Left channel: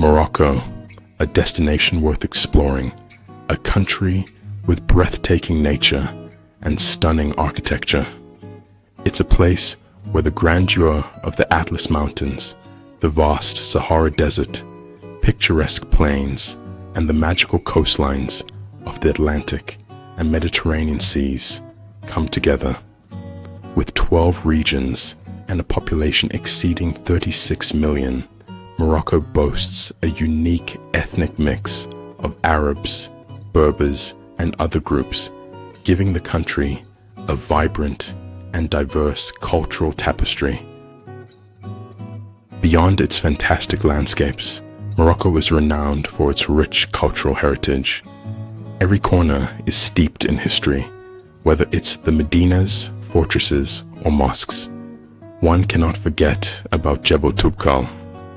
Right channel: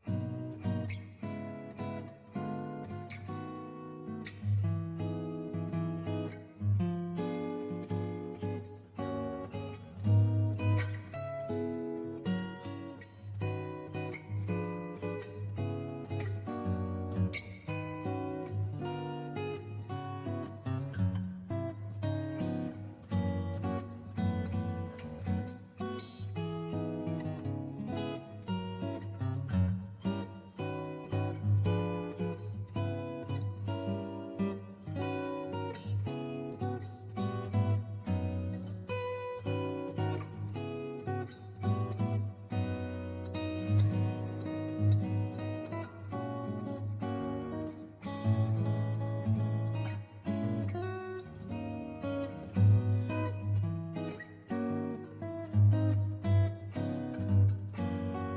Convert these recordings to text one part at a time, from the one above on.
Morocco, a destination worth exploring, a country with breathtaking nature and stunning architecture. It's a place where the grandeur of the Atlas Mountains, the vast Sahara Desert, picturesque plains, and the magical coastlines of the Atlantic and Mediterranean seas come together. With 12 regions and a population exceeding 36 million, Morocco boasts a unique ethnic mix of Arabs, Berbers, and other groups, giving the country a vibrant and diverse cultural tapestry. Beyond its fantastic landscapes, Morocco is renowned for its rich cultural heritage. Every corner is steeped in history, whether it's the Medinas, fortresses, or mosques. One cannot forget about Jebel Toubkal,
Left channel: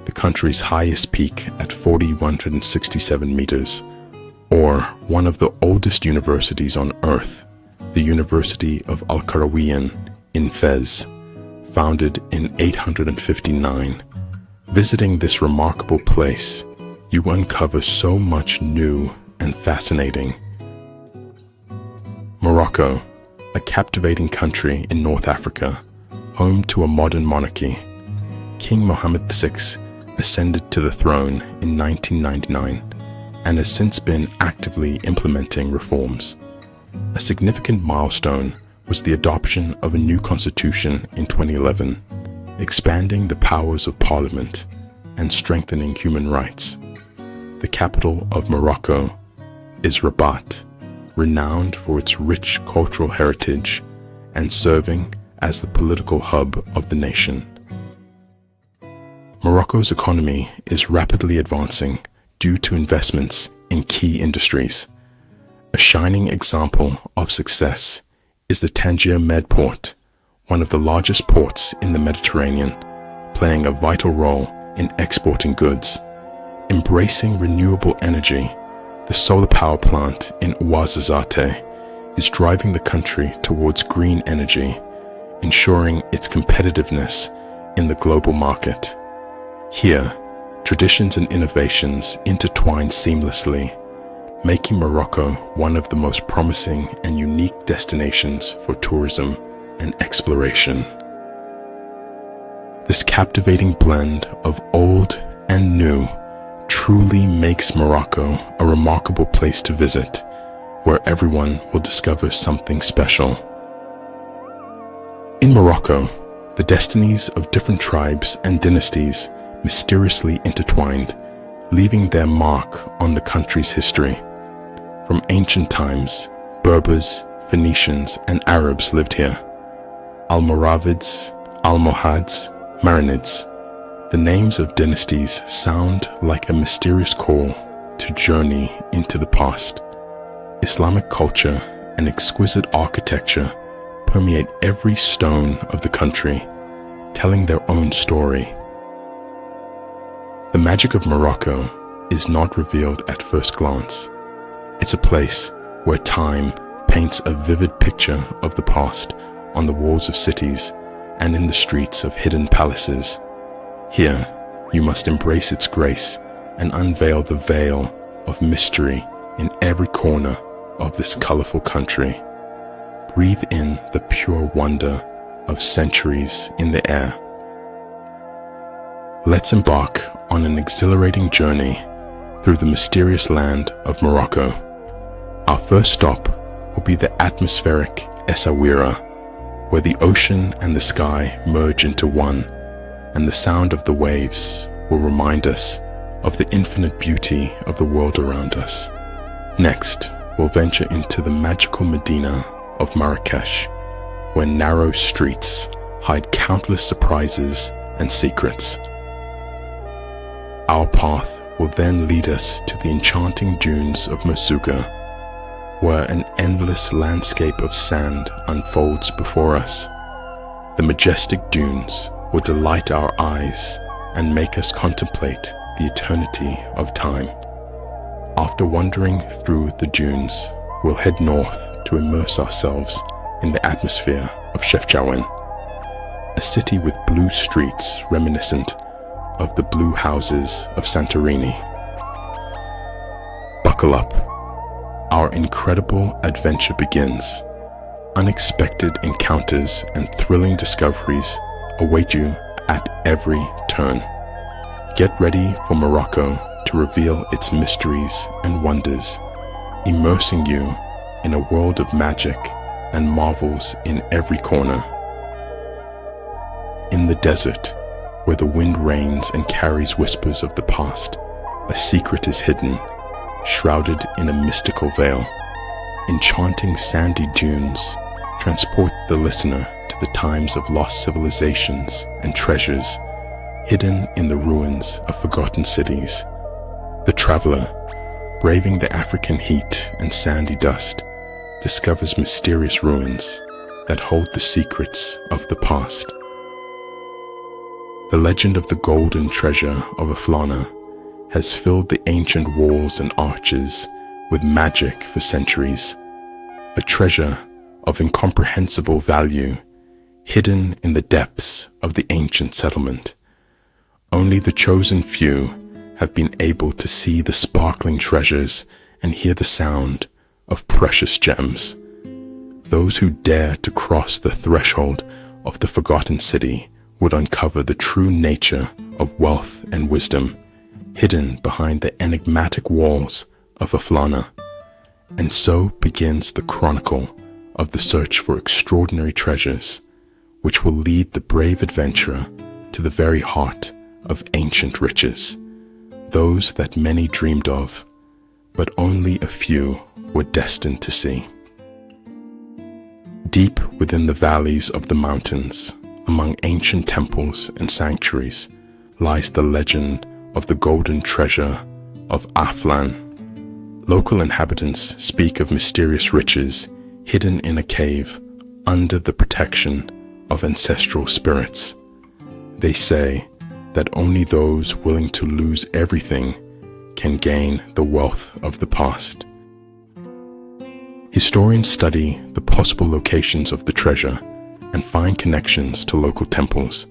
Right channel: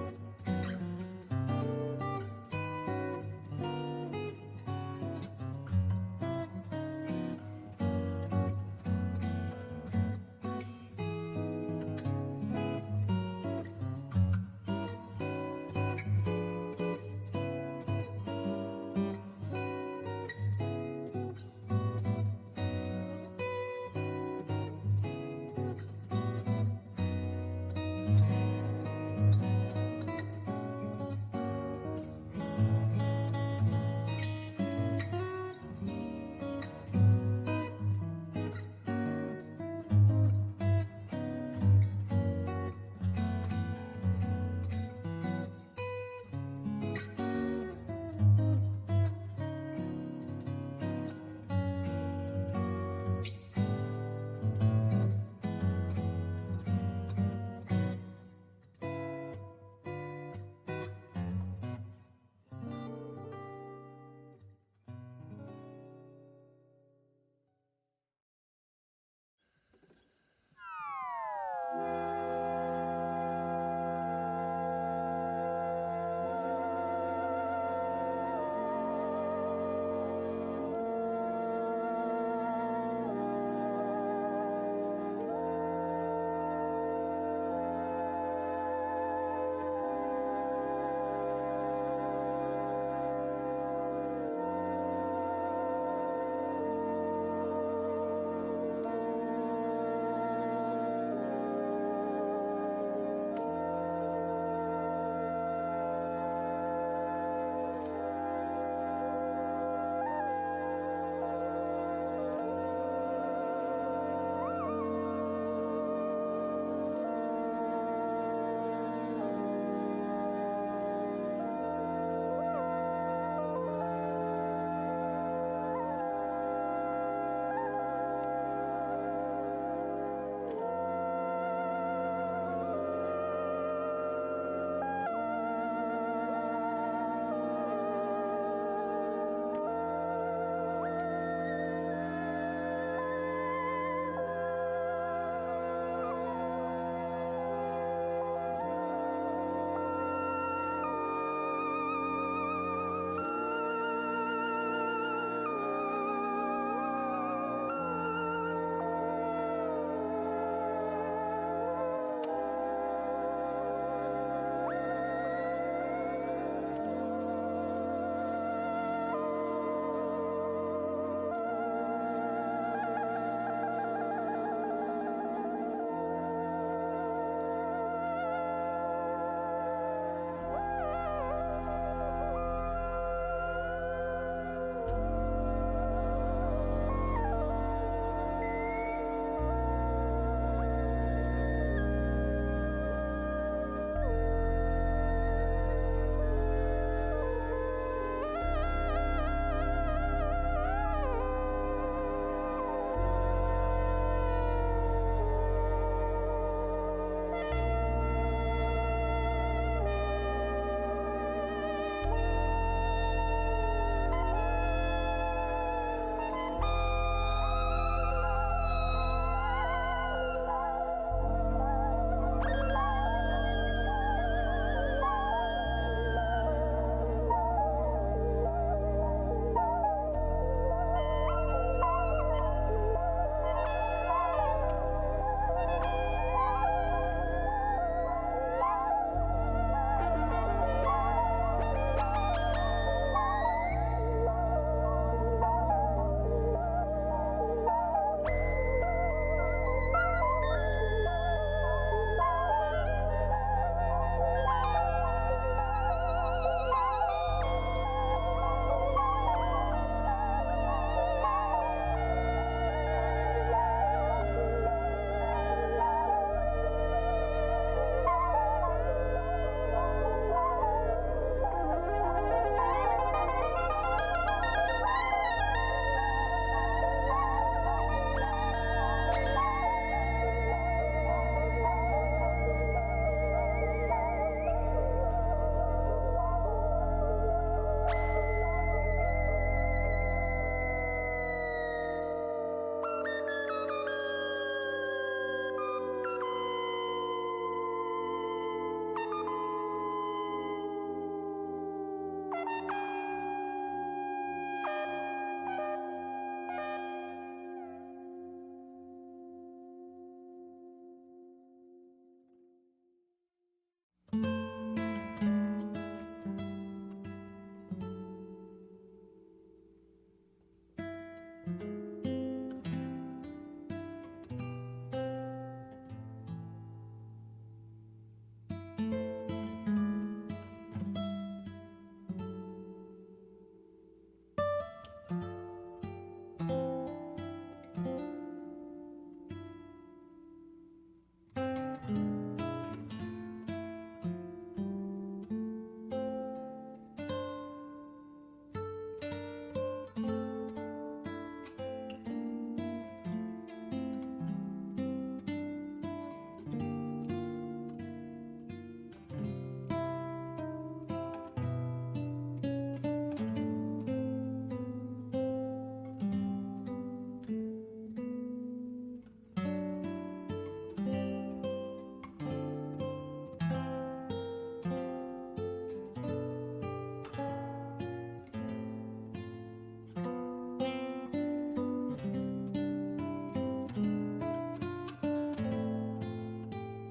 the country's highest peak at 4,167 meters, or one of the oldest universities on Earth, the University of Al-Qarawiyyin in Fez, founded in 859. Visiting this remarkable place, you uncover so much new and fascinating. Morocco, a captivating country in North Africa, home to a modern monarchy. King Mohammed VI ascended to the throne in 1999 and has since been actively implementing reforms. A significant milestone was the adoption of a new constitution in 2011, expanding the powers of parliament and strengthening human rights. The capital of Morocco is Rabat, renowned for its rich cultural heritage and serving as the political hub of the nation. Morocco's economy is rapidly advancing due to investments in key industries. A shining example of success is the Tangier Med Port, one of the largest ports in the Mediterranean, playing a vital role in exporting goods. Embracing renewable energy, the solar power plant in Ouarzazate is driving the country towards green energy, ensuring its competitiveness in the global market. Here, traditions and innovations intertwine seamlessly, making Morocco one of the most promising and unique destinations for tourism and exploration. This captivating blend of old and new truly makes Morocco a remarkable place to visit, where everyone will discover something special. In Morocco, the destinies of different tribes and dynasties mysteriously intertwined, leaving their mark on the country's history. From ancient times, Berbers, Phoenicians, and Arabs lived here. Almoravids, Almohads, Marinids. The names of dynasties sound like a mysterious call to journey into the past. Islamic culture and exquisite architecture permeate every stone of the country, telling their own story. The magic of Morocco is not revealed at first glance. It's a place where time paints a vivid picture of the past on the walls of cities and in the streets of hidden palaces. Here, you must embrace its grace and unveil the veil of mystery in every corner of this colorful country. Breathe in the pure wonder of centuries in the air. Let's embark on an exhilarating journey through the mysterious land of Morocco. Our first stop will be the atmospheric Essaouira, where the ocean and the sky merge into one, and the sound of the waves will remind us of the infinite beauty of the world around us. Next, we'll venture into the magical Medina of Marrakech, where narrow streets hide countless surprises and secrets. Our path will then lead us to the enchanting dunes of Merzouga, where an endless landscape of sand unfolds before us. The majestic dunes will delight our eyes and make us contemplate the eternity of time. After wandering through the dunes, we'll head north to immerse ourselves in the atmosphere of Chefchaouen, a city with blue streets reminiscent of the blue houses of Santorini. Buckle up. Our incredible adventure begins. Unexpected encounters and thrilling discoveries await you at every turn. Get ready for Morocco to reveal its mysteries and wonders, immersing you in a world of magic and marvels in every corner. In the desert, where the wind rains and carries whispers of the past, a secret is hidden, shrouded in a mystical veil. Enchanting sandy dunes transport the listener to the times of lost civilizations and treasures hidden in the ruins of forgotten cities. The traveler, braving the African heat and sandy dust, discovers mysterious ruins that hold the secrets of the past. The legend of the golden treasure of Aflana has filled the ancient walls and arches with magic for centuries, a treasure of incomprehensible value hidden in the depths of the ancient settlement. Only the chosen few have been able to see the sparkling treasures and hear the sound of precious gems. Those who dare to cross the threshold of the forgotten city would uncover the true nature of wealth and wisdom hidden behind the enigmatic walls of Aflana. And so begins the chronicle of the search for extraordinary treasures, which will lead the brave adventurer to the very heart of ancient riches, those that many dreamed of, but only a few were destined to see. Deep within the valleys of the mountains, among ancient temples and sanctuaries, lies the legend of the golden treasure of Aflan. Local inhabitants speak of mysterious riches hidden in a cave under the protection of ancestral spirits. They say that only those willing to lose everything can gain the wealth of the past. Historians study the possible locations of the treasure and find connections to local temples.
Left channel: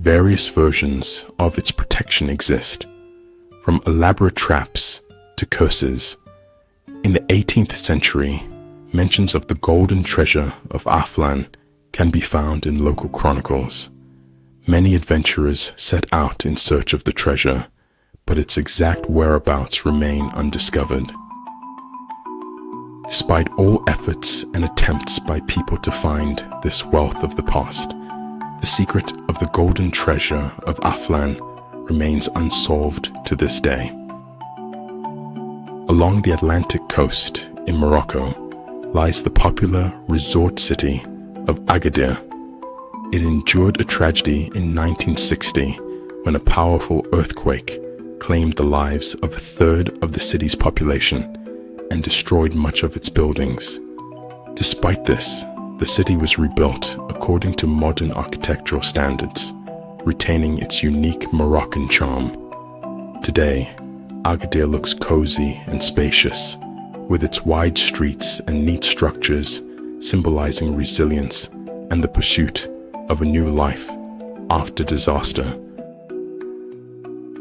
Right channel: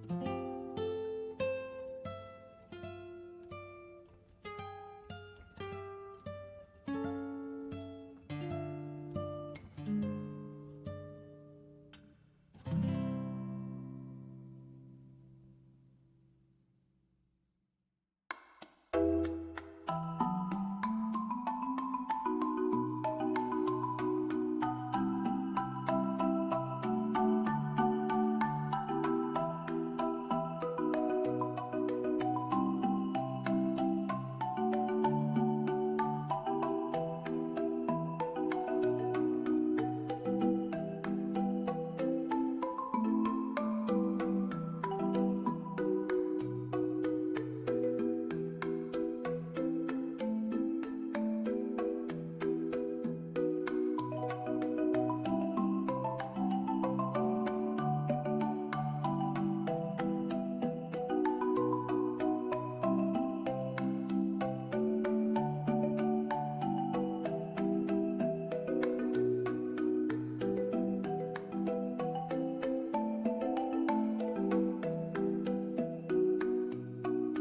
Various versions of its protection exist, from elaborate traps to curses. In the 18th century, mentions of the golden treasure of Aflan can be found in local chronicles. Many adventurers set out in search of the treasure, but its exact whereabouts remain undiscovered. Despite all efforts and attempts by people to find this wealth of the past, the secret of the golden treasure of Aflan remains unsolved to this day. Along the Atlantic coast in Morocco lies the popular resort city of Agadir. It endured a tragedy in 1960 when a powerful earthquake claimed the lives of a third of the city's population and destroyed much of its buildings. Despite this, the city was rebuilt according to modern architectural standards, retaining its unique Moroccan charm. Today, Agadir looks cozy and spacious, with its wide streets and neat structures symbolizing resilience and the pursuit of a new life after disaster.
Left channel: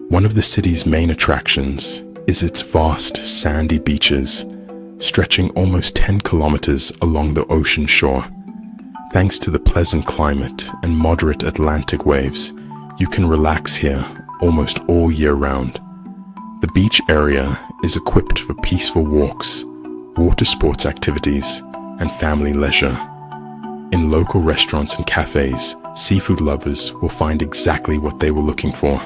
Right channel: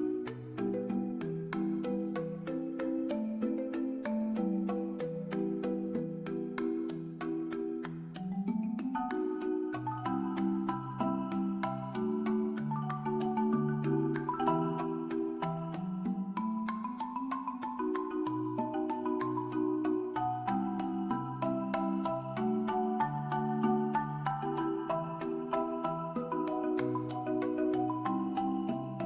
One of the city's main attractions is its vast sandy beaches, stretching almost 10 kilometers along the ocean shore. Thanks to the pleasant climate and moderate Atlantic waves, you can relax here almost all year round. The beach area is equipped for peaceful walks, water sports activities, and family leisure. In local restaurants and cafes, seafood lovers will find exactly what they were looking for.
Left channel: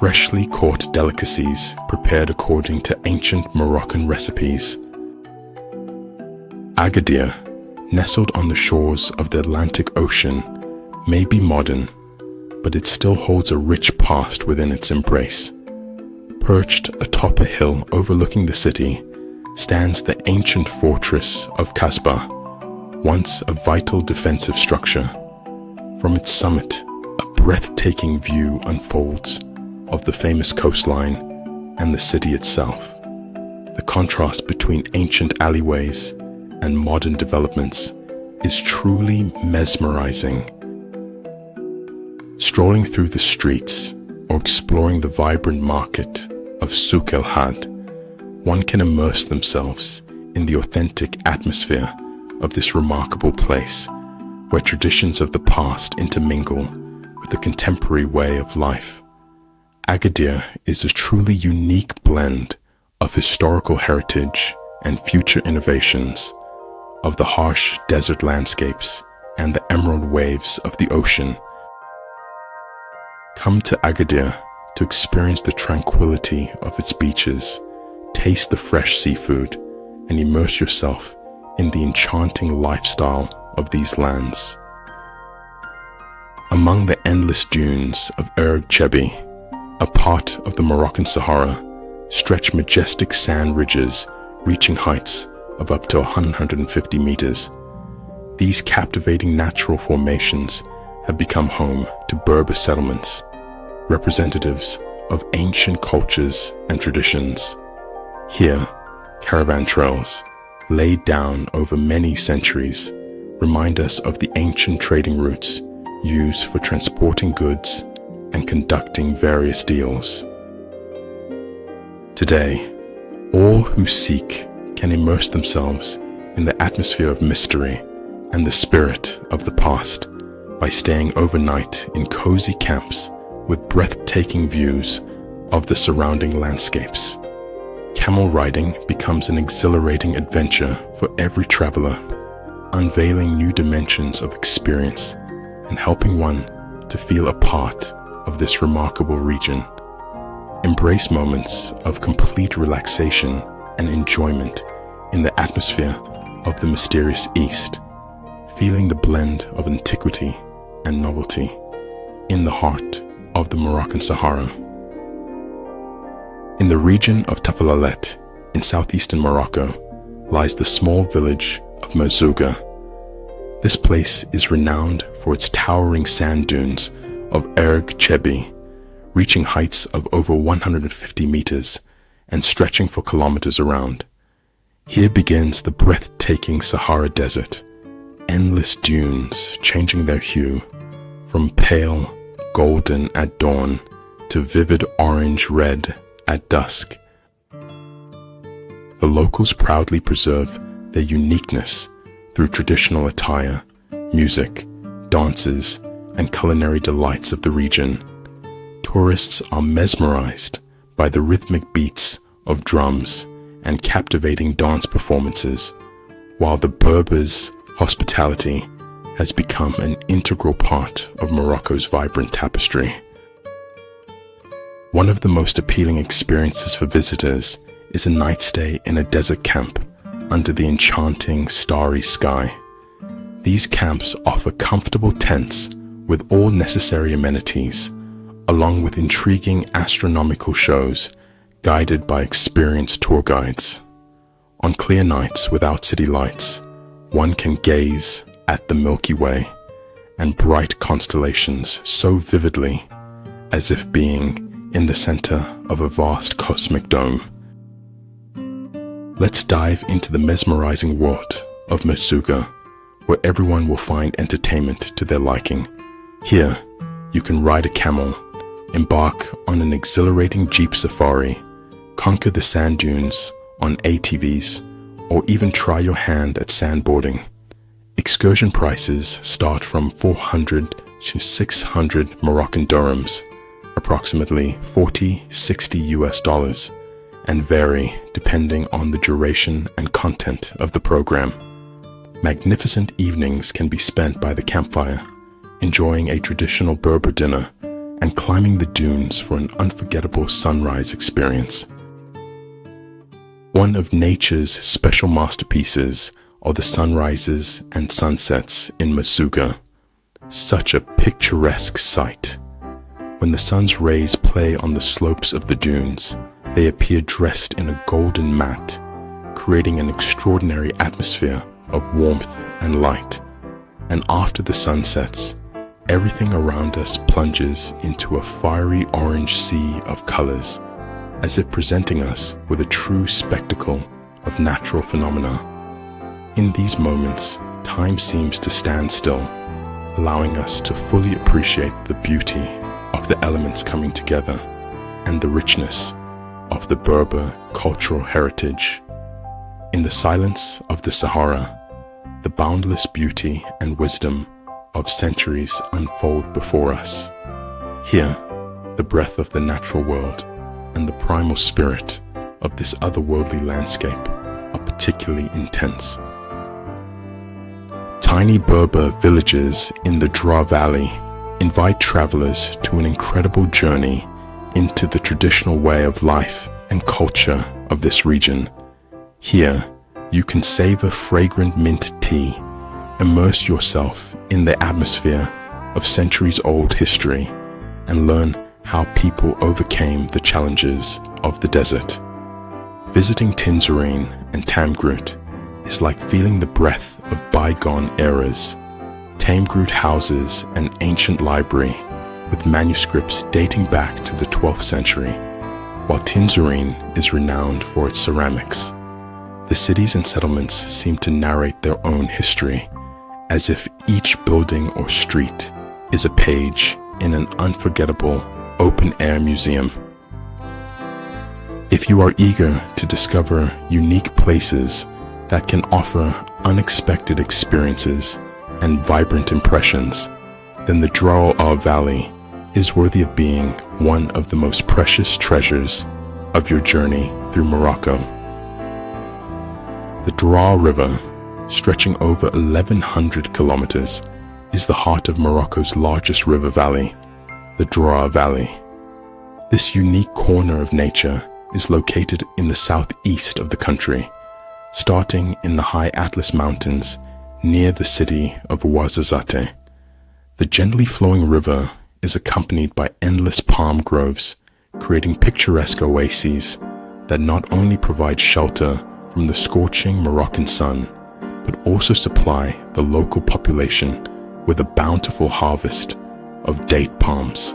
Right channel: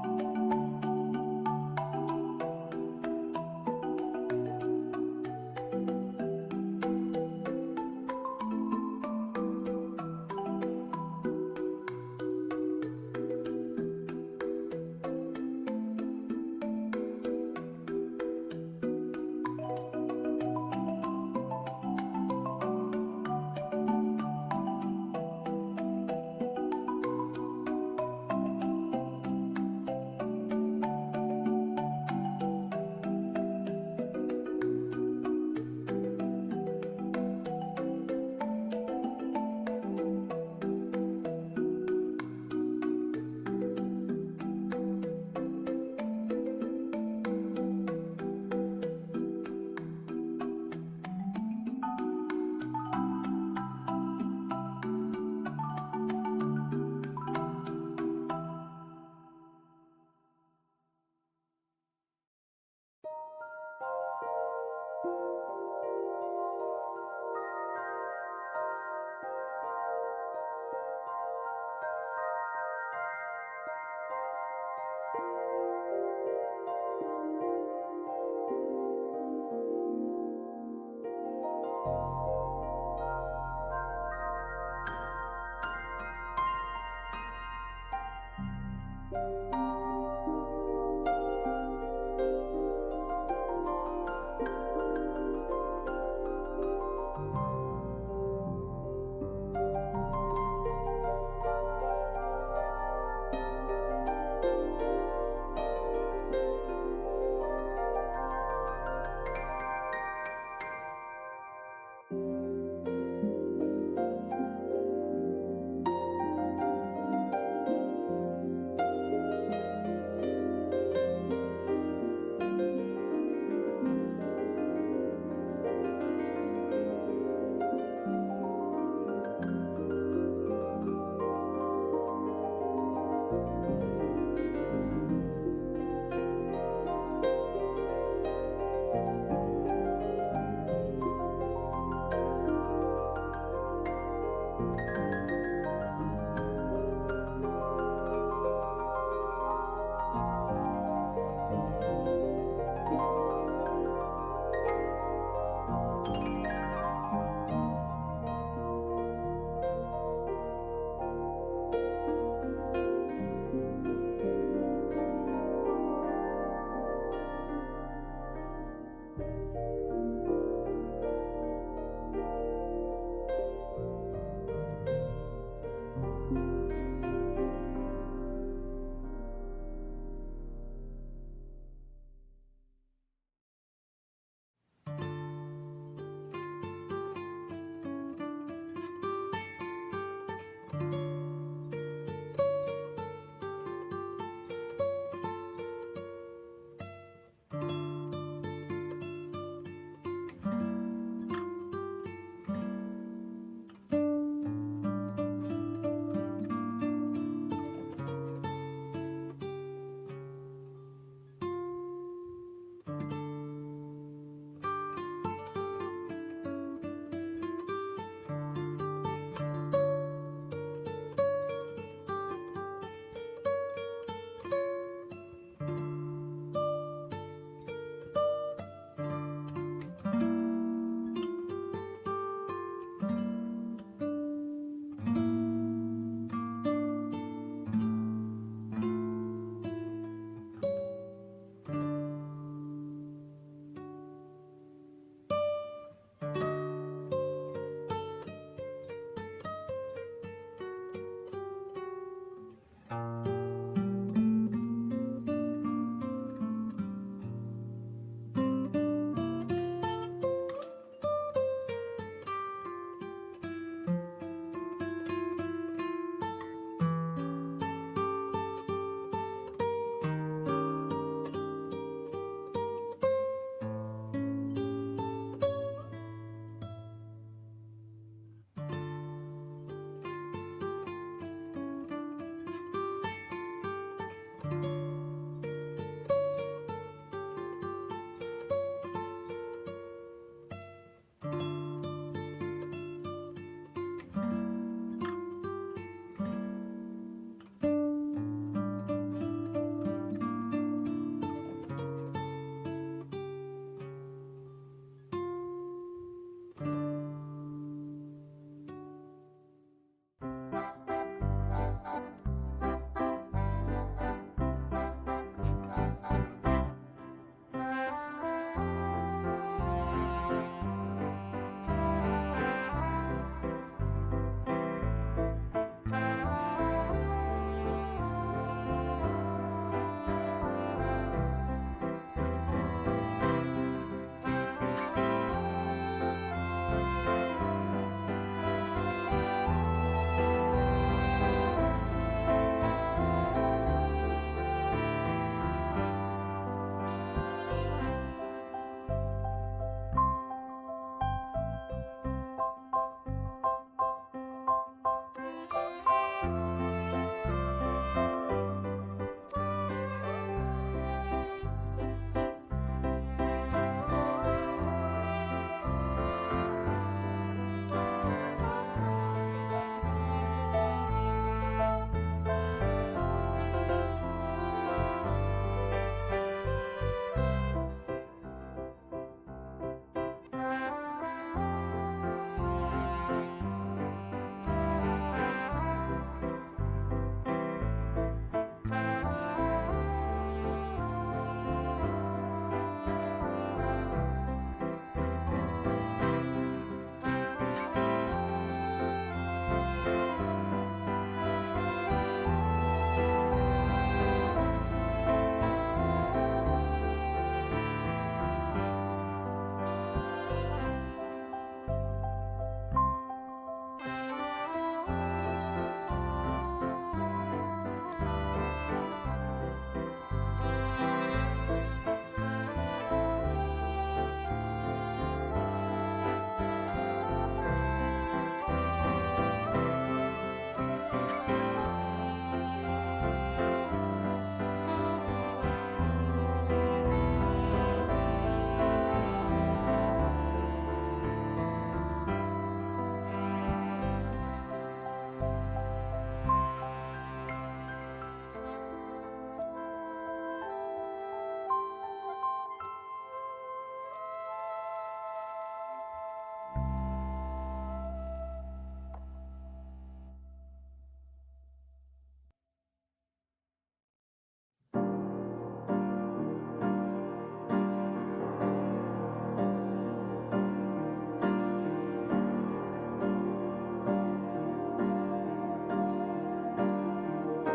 Freshly caught delicacies prepared according to ancient Moroccan recipes. Agadir, nestled on the shores of the Atlantic Ocean, may be modern, but it still holds a rich past within its embrace. Perched atop a hill overlooking the city stands the ancient fortress of Casbah, once a vital defensive structure. From its summit, a breathtaking view unfolds of the famous coastline and the city itself. The contrast between ancient alleyways and modern developments is truly mesmerizing. Strolling through the streets, or exploring the vibrant market of Souk El Had, one can immerse themselves in the authentic atmosphere of this remarkable place, where traditions of the past intermingle with the contemporary way of life. Agadir is a truly unique blend of historical heritage and future innovations, of the harsh desert landscapes and the emerald waves of the ocean. Come to Agadir to experience the tranquility of its beaches, taste the fresh seafood, and immerse yourself in the enchanting lifestyle of these lands. Among the endless dunes of Erg Chebi, a part of the Moroccan Sahara, stretch majestic sand ridges reaching heights of up to 150 meters. These captivating natural formations have become home to Berber settlements, representatives of ancient cultures and traditions. Here, caravan trails, laid down over many centuries, remind us of the ancient trading routes used for transporting goods and conducting various deals. Today, all who seek can immerse themselves in the atmosphere of mystery and the spirit of the past by staying overnight in cozy camps with breathtaking views of the surrounding landscapes. Camel riding becomes an exhilarating adventure for every traveler, unveiling new dimensions of experience and helping one to feel a part of this remarkable region. Embrace moments of complete relaxation and enjoyment in the atmosphere of the mysterious East, feeling the blend of antiquity and novelty in the heart of the Moroccan Sahara. In the region of Tafalalet, in southeastern Morocco, lies the small village of Merzouga. This place is renowned for its towering sand dunes of Erg Chebi, reaching heights of over 150 meters and stretching for kilometers around. Here begins the breathtaking Sahara Desert, endless dunes changing their hue from pale golden at dawn to vivid orange-red at dusk. The locals proudly preserve their uniqueness through traditional attire, music, dances, and culinary delights of the region. Tourists are mesmerized by the rhythmic beats of drums and captivating dance performances, while the Berbers' hospitality has become an integral part of Morocco's vibrant tapestry. One of the most appealing experiences for visitors is a night stay in a desert camp under the enchanting starry sky. These camps offer comfortable tents with all necessary amenities, along with intriguing astronomical shows guided by experienced tour guides. On clear nights without city lights, one can gaze at the Milky Way and bright constellations so vividly as if being in the center of a vast cosmic dome. Let's dive into the mesmerizing world of Merzouga, where everyone will find entertainment to their liking. Here, you can ride a camel, embark on an exhilarating jeep safari, conquer the sand dunes on ATVs, or even try your hand at sandboarding. Excursion prices start from 400 to 600 Moroccan dirhams, approximately $40-60 US, and vary depending on the duration and content of the program. Magnificent evenings can be spent by the campfire, enjoying a traditional Berber dinner and climbing the dunes for an unforgettable sunrise experience. One of nature's special masterpieces are the sunrises and sunsets in Merzouga. Such a picturesque sight. When the sun's rays play on the slopes of the dunes, they appear dressed in a golden mat, creating an extraordinary atmosphere of warmth and light. And after the sun sets, everything around us plunges into a fiery orange sea of colors, as if presenting us with a true spectacle of natural phenomena. In these moments, time seems to stand still, allowing us to fully appreciate the beauty of the elements coming together and the richness of the Berber cultural heritage. In the silence of the Sahara, the boundless beauty and wisdom of centuries unfold before us. Here, the breath of the natural world and the primal spirit of this otherworldly landscape are particularly intense. Tiny Berber villages in the Dra Valley invite travelers to an incredible journey into the traditional way of life and culture of this region. Here, you can savor fragrant mint tea, immerse yourself in the atmosphere of centuries-old history, and learn how people overcame the challenges of the desert. Visiting Tinzarine and Tamgroot is like feeling the breath of bygone eras. Tamgroot houses an ancient library with manuscripts dating back to the 12th century, while Tinzarine is renowned for its ceramics. The cities and settlements seem to narrate their own history, as if each building or street is a page in an unforgettable open-air museum. If you are eager to discover unique places that can offer unexpected experiences and vibrant impressions, then the Dra Valley is worthy of being one of the most precious treasures of your journey through Morocco. The Dra River, stretching over 1,100 kilometers, is the heart of Morocco's largest river valley, the Dra Valley. This unique corner of nature is located in the southeast of the country, starting in the high Atlas Mountains near the city of Ouarzazate. The gently flowing river is accompanied by endless palm groves, creating picturesque oases that not only provide shelter from the scorching Moroccan sun, but also supply the local population with a bountiful harvest of date palms.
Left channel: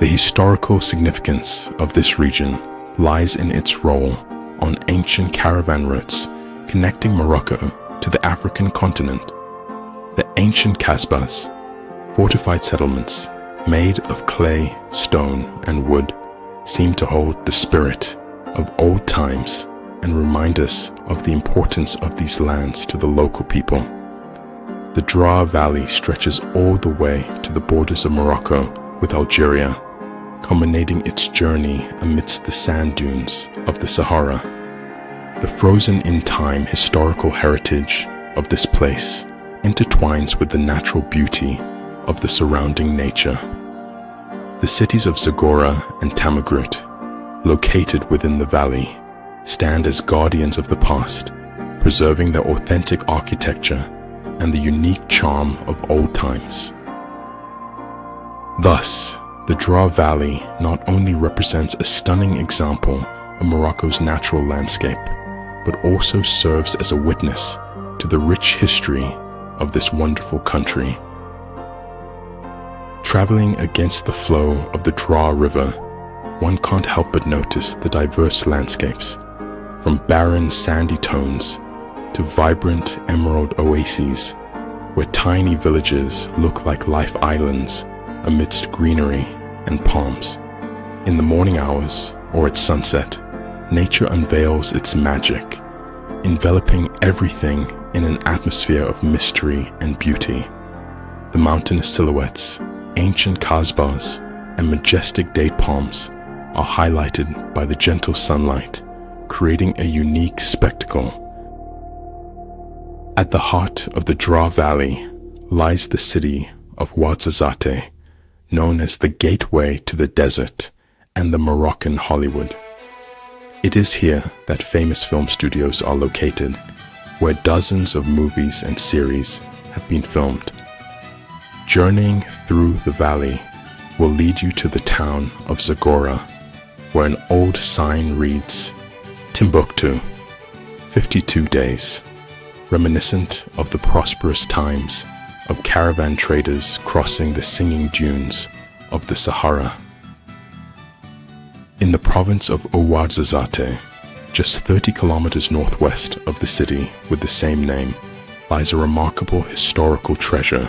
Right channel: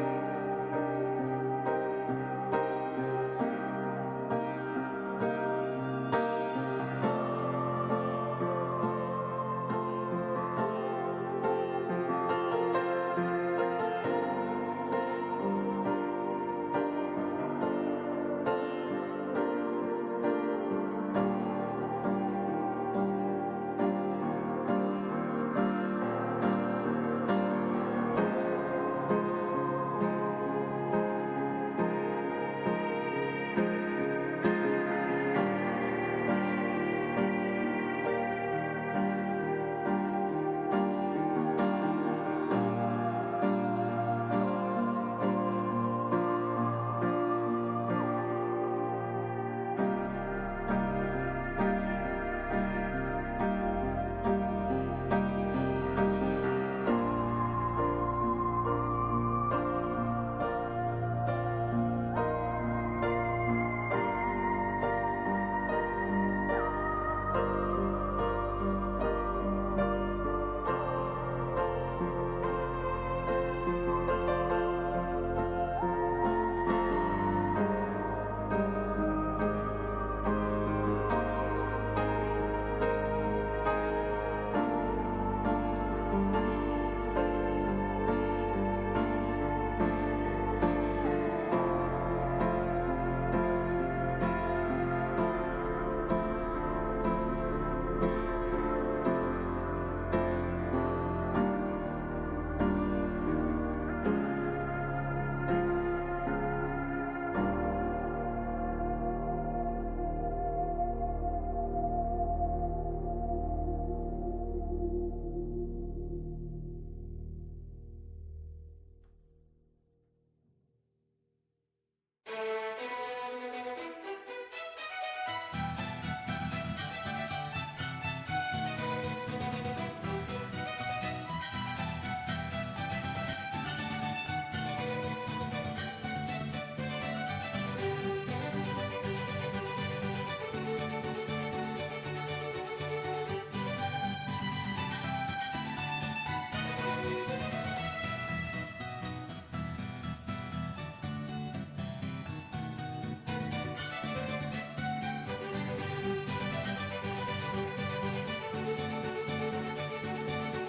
The historical significance of this region lies in its role on ancient caravan routes connecting Morocco to the African continent. The ancient kasbahs, fortified settlements made of clay, stone, and wood, seem to hold the spirit of old times and remind us of the importance of these lands to the local people. The Dra Valley stretches all the way to the borders of Morocco with Algeria, culminating its journey amidst the sand dunes of the Sahara. The frozen-in-time historical heritage of this place intertwines with the natural beauty of the surrounding nature. The cities of Zagora and Tamgroot, located within the valley, stand as guardians of the past, preserving their authentic architecture and the unique charm of old times. Thus, the Dra Valley not only represents a stunning example of Morocco's natural landscape, but also serves as a witness to the rich history of this wonderful country. Traveling against the flow of the Dra River, one can't help but notice the diverse landscapes, from barren sandy tones to vibrant emerald oases, where tiny villages look like life islands amidst greenery and palms. In the morning hours or at sunset, nature unveils its magic, enveloping everything in an atmosphere of mystery and beauty. The mountainous silhouettes, ancient kasbahs, and majestic date palms are highlighted by the gentle sunlight, creating a unique spectacle. At the heart of the Dra Valley lies the city of Ouarzazate, known as the gateway to the desert and the Moroccan Hollywood. It is here that famous film studios are located, where dozens of movies and series have been filmed. Journeying through the valley will lead you to the town of Zagora, where an old sign reads, Timbuktu, 52 days, reminiscent of the prosperous times of caravan traders crossing the singing dunes of the Sahara. In the province of Ouarzazate, just 30 kilometers northwest of the city with the same name, lies a remarkable historical treasure,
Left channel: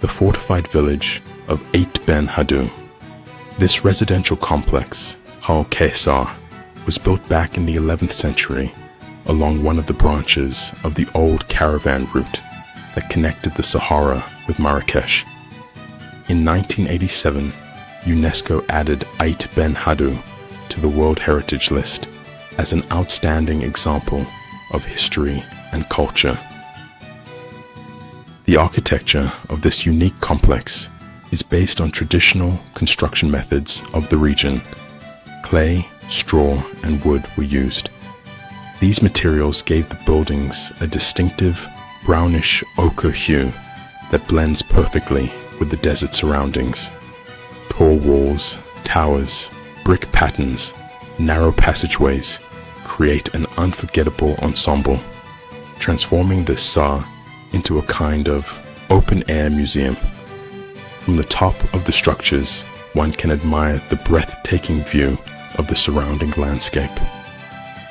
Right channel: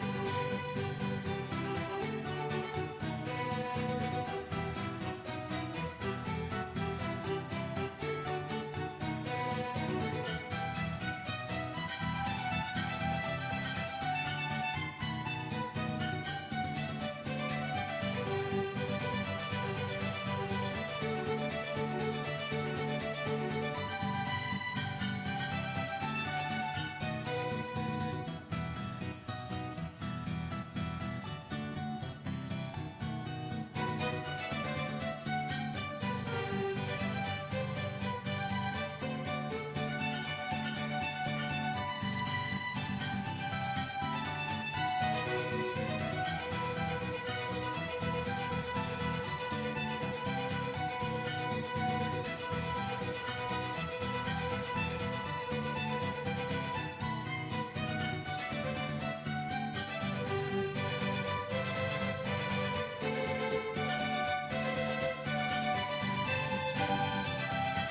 the fortified village of Ait Ben Haddou. This residential complex, Chefchaouen, was built back in the 11th century along one of the branches of the old caravan route that connected the Sahara with Marrakech. In 1987, UNESCO added Ait Ben Haddou to the World Heritage List as an outstanding example of history and culture. The architecture of this unique complex is based on traditional construction methods of the region. Clay, straw, and wood were used. These materials gave the buildings a distinctive brownish ochre hue that blends perfectly with the desert surroundings. Tall walls, towers, brick patterns, narrow passageways create an unforgettable ensemble, transforming the Sa into a kind of open-air museum. From the top of the structures, one can admire the breathtaking view of the surrounding landscape.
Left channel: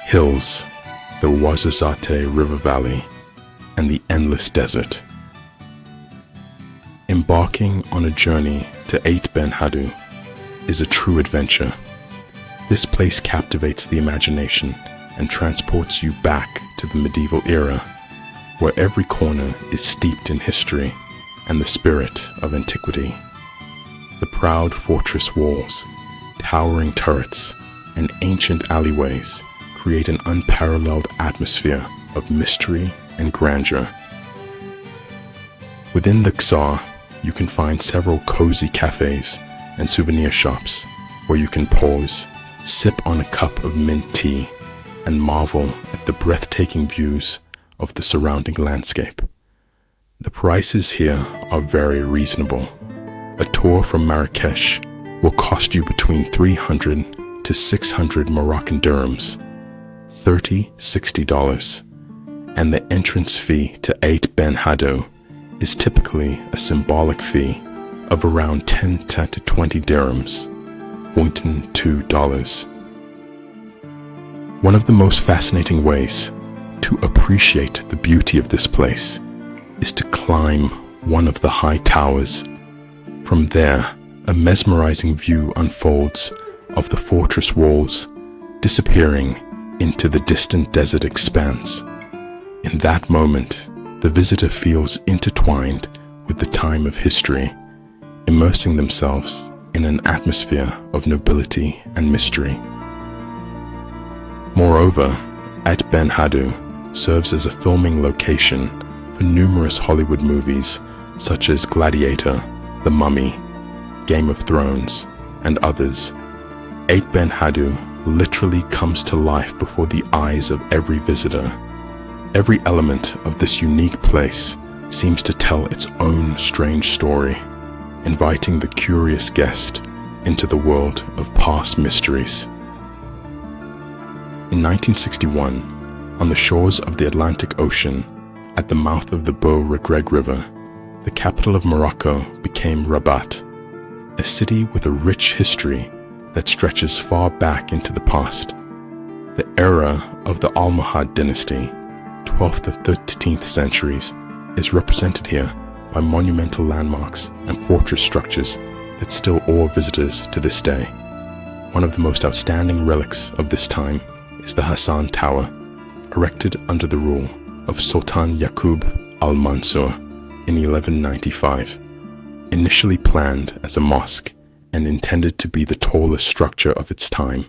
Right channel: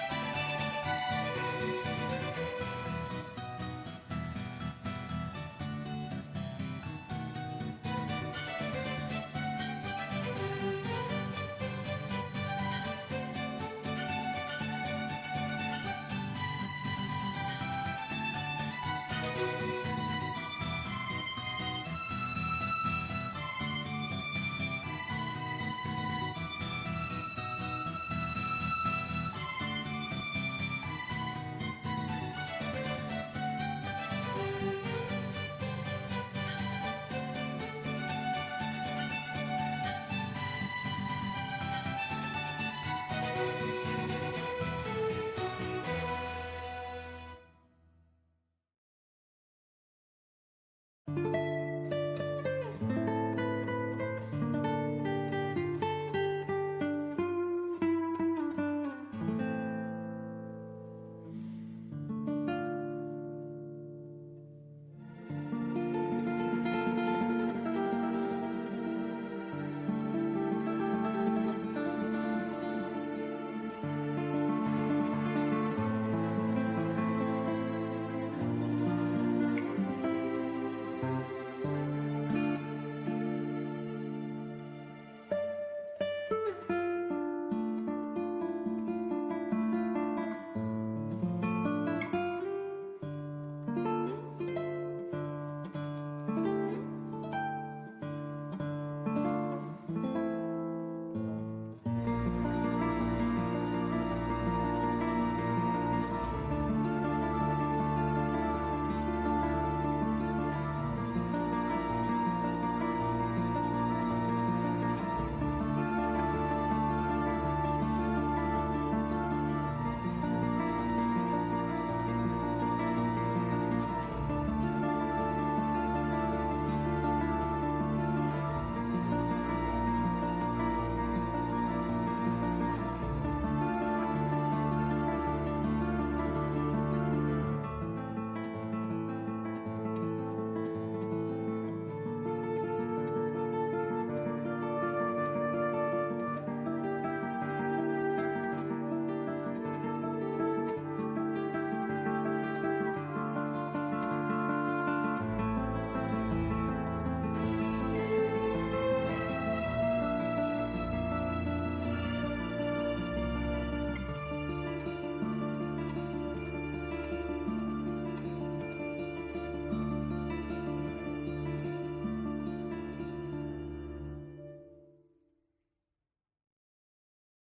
Hills, the Ouarzazate River Valley, and the endless desert. Embarking on a journey to Ait Ben Haddou is a true adventure. This place captivates the imagination and transports you back to the medieval era, where every corner is steeped in history and the spirit of antiquity. The proud fortress walls, towering turrets, and ancient alleyways create an unparalleled atmosphere of mystery and grandeur. Within the Xa, you can find several cozy cafes and souvenir shops where you can pause, sip on a cup of mint tea, and marvel at the breathtaking views of the surrounding landscape. The prices here are very reasonable. A tour from Marrakech will cost you between 300 to 600 Moroccan dirhams, $60, and the entrance fee to Ait Ben Haddou is typically a symbolic fee of around 10 to 20 dirhams, $2. One of the most fascinating ways to appreciate the beauty of this place is to climb one of the high towers. From there, a mesmerizing view unfolds of the fortress walls, disappearing into the distant desert expanse. In that moment, the visitor feels intertwined with the time of history, immersing themselves in an atmosphere of nobility and mystery. Moreover, Ait Ben Haddou serves as a filming location for numerous Hollywood movies such as Gladiator, The Mummy, Game of Thrones, and others. Ait Ben Haddou literally comes to life before the eyes of every visitor. Every element of this unique place seems to tell its own strange story, inviting the curious guest into the world of past mysteries. In 1961, on the shores of the Atlantic Ocean, at the mouth of the Beau Regreg River, the capital of Morocco became Rabat, a city with a rich history that stretches far back into the past. The era of the Almohad dynasty, 12th to 13th centuries, is represented here by monumental landmarks and fortress structures that still awe visitors to this day. One of the most outstanding relics of this time is the Hassan Tower, erected under the rule of Sultan Yaqub al-Mansur in 1195. Initially planned as a mosque and intended to be the tallest structure of its time,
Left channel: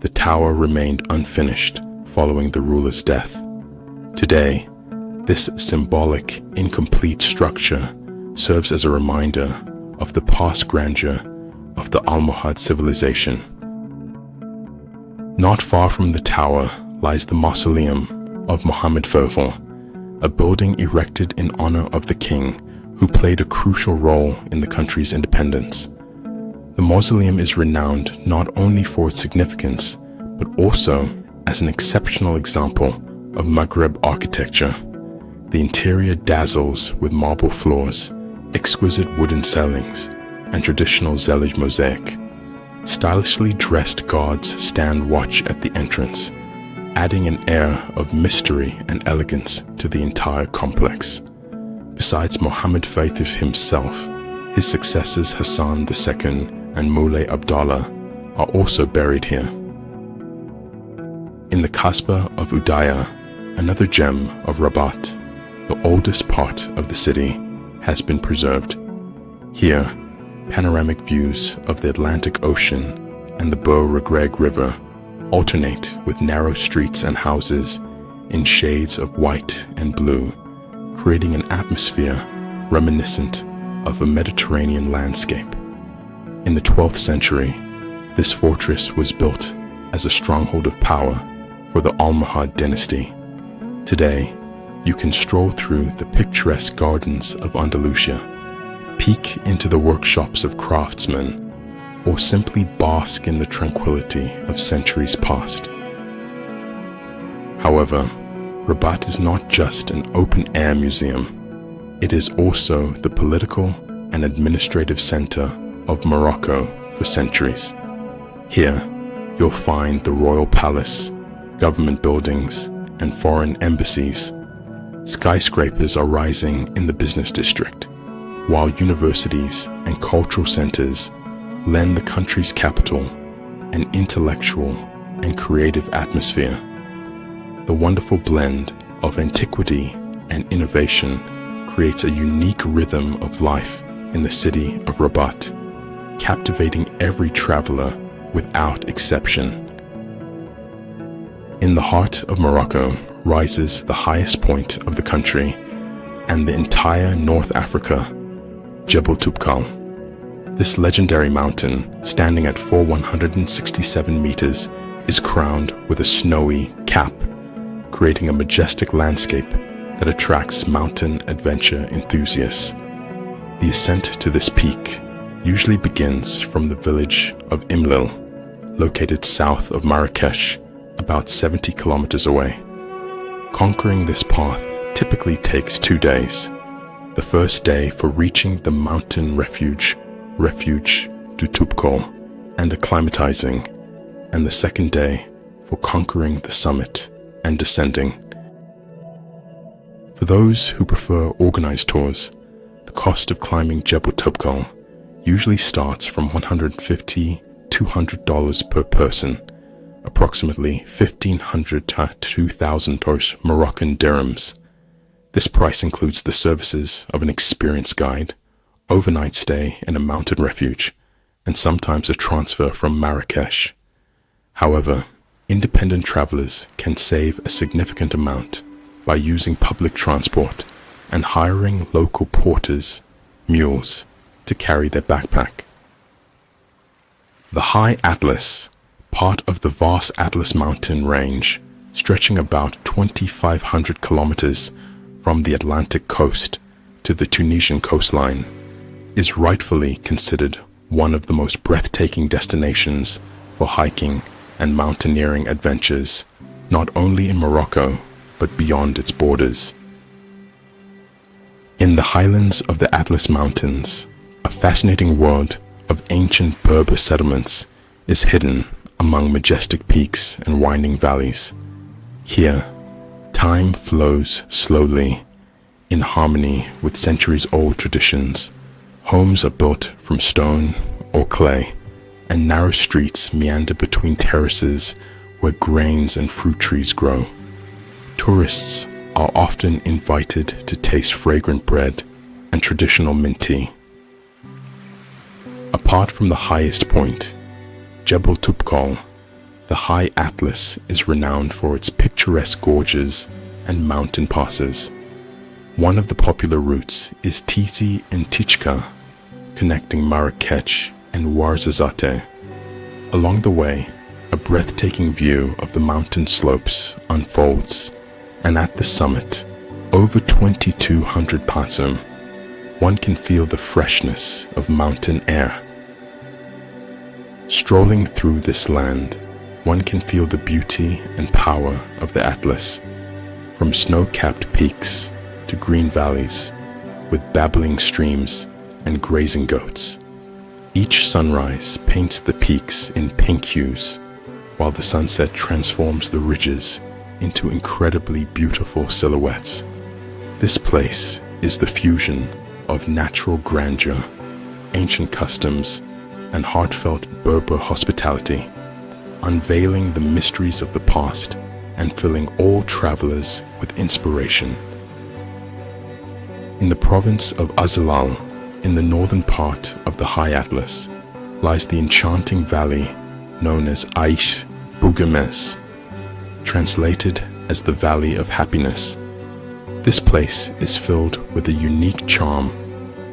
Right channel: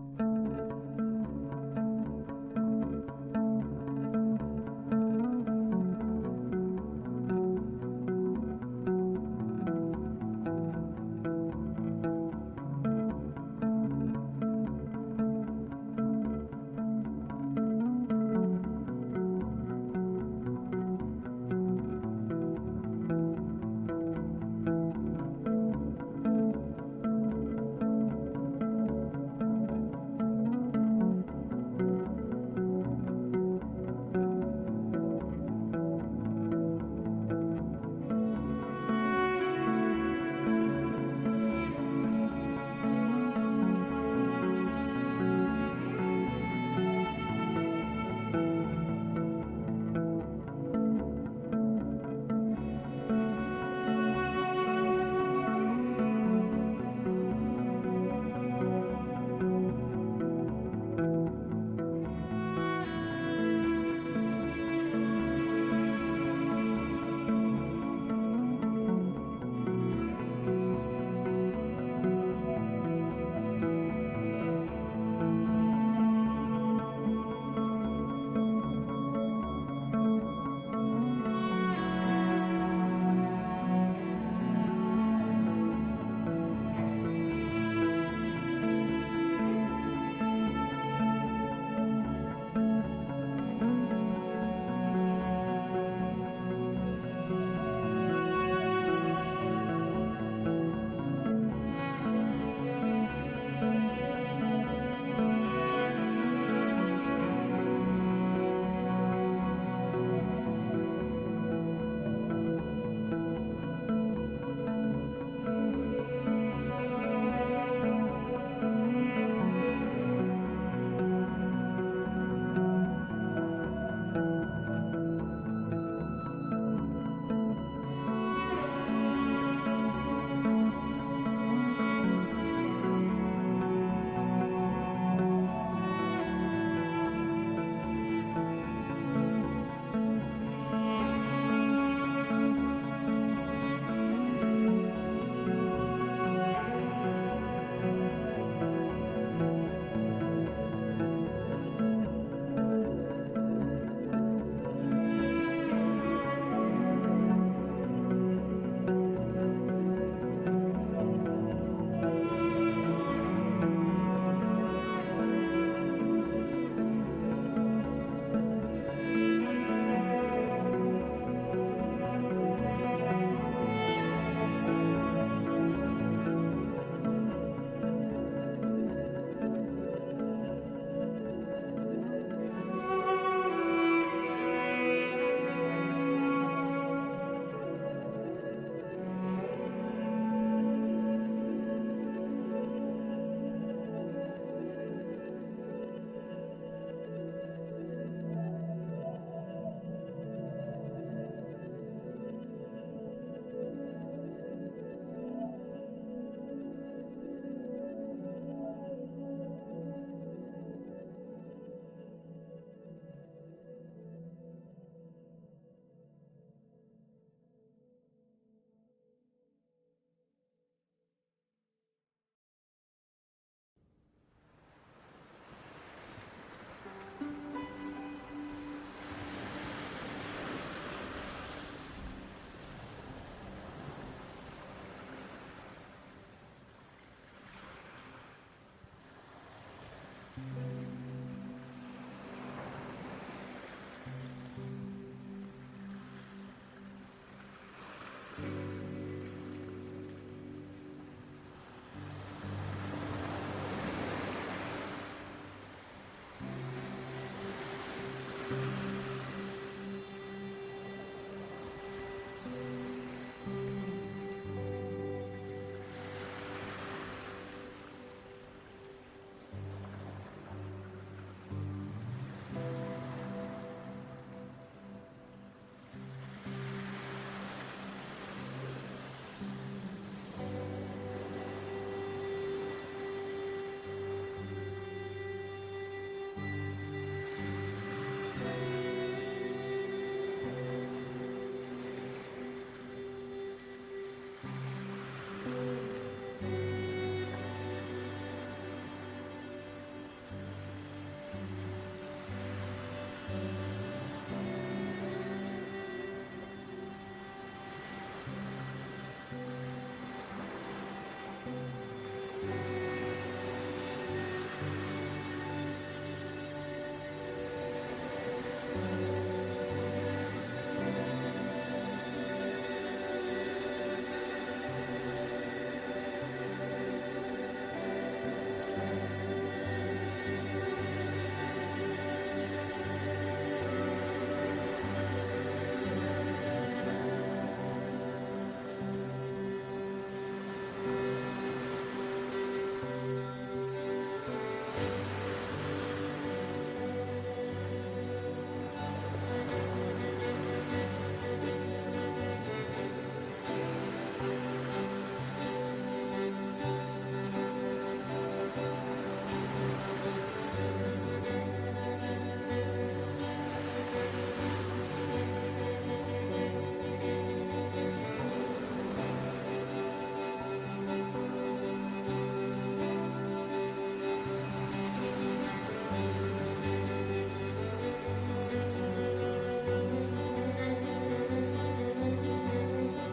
the tower remained unfinished following the ruler's death. Today, this symbolic, incomplete structure serves as a reminder of the past grandeur of the Almohad civilization. Not far from the tower lies the mausoleum of Mohammed Fauvel, a building erected in honor of the king who played a crucial role in the country's independence. The mausoleum is renowned not only for its significance, but also as an exceptional example of Maghreb architecture. The interior dazzles with marble floors, exquisite wooden ceilings, and traditional Zellige mosaic. Stylishly dressed guards stand watch at the entrance, adding an air of mystery and elegance to the entire complex. Besides Mohammed Fauvel himself, His successors Hassan II and Moulay Abdallah are also buried here. In the Kasbah of Udaya, another gem of Rabat, the oldest part of the city, has been preserved. Here, panoramic views of the Atlantic Ocean and the Beau Regreg River alternate with narrow streets and houses in shades of white and blue, creating an atmosphere reminiscent of a Mediterranean landscape. In the 12th century, this fortress was built as a stronghold of power for the Almohad dynasty. Today, you can stroll through the picturesque gardens of Andalusia, peek into the workshops of craftsmen, or simply bask in the tranquility of centuries past. However, Rabat is not just an open-air museum. It is also the political and administrative center of Morocco for centuries. Here, you'll find the royal palace, government buildings, and foreign embassies. Skyscrapers are rising in the business district, while universities and cultural centers lend the country's capital an intellectual and creative atmosphere. The wonderful blend of antiquity and innovation creates a unique rhythm of life in the city of Rabat, captivating every traveler without exception. In the heart of Morocco rises the highest point of the country and the entire North Africa, Jebel Toubkal. This legendary mountain, standing at 167 meters, is crowned with a snowy cap, creating a majestic landscape that attracts mountain adventure enthusiasts. The ascent to this peak usually begins from the village of Imlil, located south of Marrakech, about 70 kilometers away. Conquering this path typically takes 2 days. The first day for reaching the mountain refuge du Toubkal, and acclimatizing, and the second day for conquering the summit and descending. For those who prefer organized tours, the cost of climbing Jebel Toubkal usually starts from $150 to $200 per person, approximately $1,500 to $2,000 Moroccan dirhams. This price includes the services of an experienced guide, overnight stay in a mountain refuge, and sometimes a transfer from Marrakech. However, independent travelers can save a significant amount by using public transport and hiring local porters, mules, to carry their backpack. The High Atlas, part of the vast Atlas mountain range, stretching about 2,500 kilometers from the Atlantic coast to the Tunisian coastline, is rightfully considered one of the most breathtaking destinations for hiking and mountaineering adventures, not only in Morocco, but beyond its borders. In the highlands of the Atlas Mountains, a fascinating world of ancient Berber settlements is hidden among majestic peaks and winding valleys. Here, time flows slowly, in harmony with centuries-old traditions. Homes are built from stone or clay, and narrow streets meander between terraces where grains and fruit trees grow. Tourists are often invited to taste fragrant bread and traditional mint tea. Apart from the highest point, Jebel Toubkal, the High Atlas is renowned for its picturesque gorges and mountain passes. One of the popular routes is Tizi and Tichka, connecting Marrakech and Ouarzazate. Along the way, a breathtaking view of the mountain slopes unfolds, and at the summit, over 2,200 pasum, one can feel the freshness of mountain air. Strolling through this land, one can feel the beauty and power of the Atlas, from snow-capped peaks to green valleys with babbling streams and grazing goats. Each sunrise paints the peaks in pink hues, while the sunset transforms the ridges into incredibly beautiful silhouettes. This place is the fusion of natural grandeur ancient customs and heartfelt Berber hospitality, unveiling the mysteries of the past and filling all travelers with inspiration. In the province of Azalal, in the northern part of the High Atlas, lies the enchanting valley known as Aish Bouguemes, translated as the Valley of Happiness. This place is filled with a unique charm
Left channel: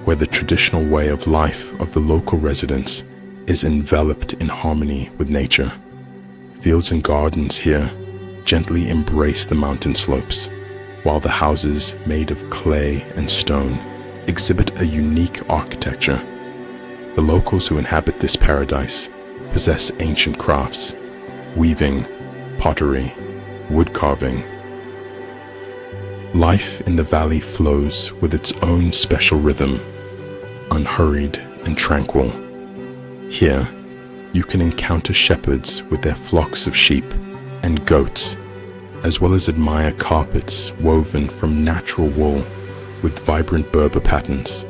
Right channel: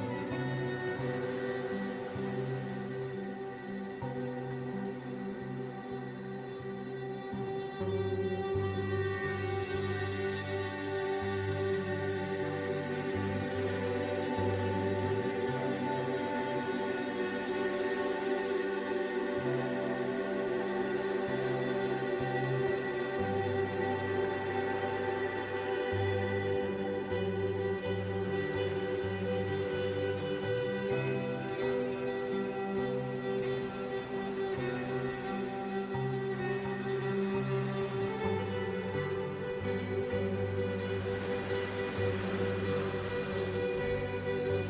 where the traditional way of life of the local residents is enveloped in harmony with nature. Fields and gardens here gently embrace the mountain slopes, while the houses made of clay and stone exhibit a unique architecture. The locals who inhabit this paradise possess ancient crafts, weaving, pottery, wood carving. Life in the valley flows with its own special rhythm, unhurried and tranquil. Here, you can encounter shepherds with their flocks of sheep and goats, as well as admire carpets woven from natural wool with vibrant Berber patterns.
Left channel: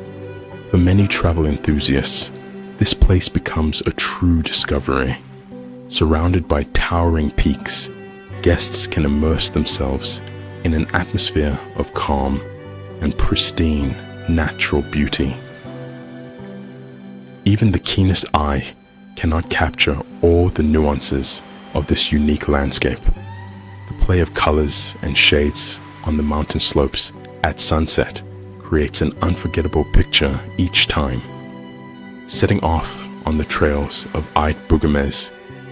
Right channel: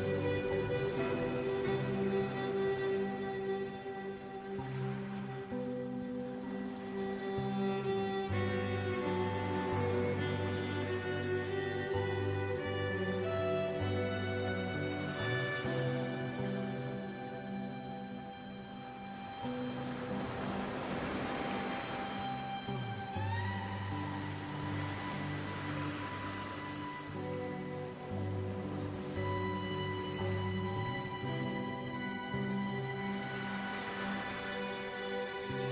For many travel enthusiasts, this place becomes a true discovery. Surrounded by towering peaks, guests can immerse themselves in an atmosphere of calm and pristine natural beauty. Even the keenest eye cannot capture all the nuances of this unique landscape. The play of colors and shades on the mountain slopes at sunset creates an unforgettable picture each time. Setting off on the trails of Ait Bouguemes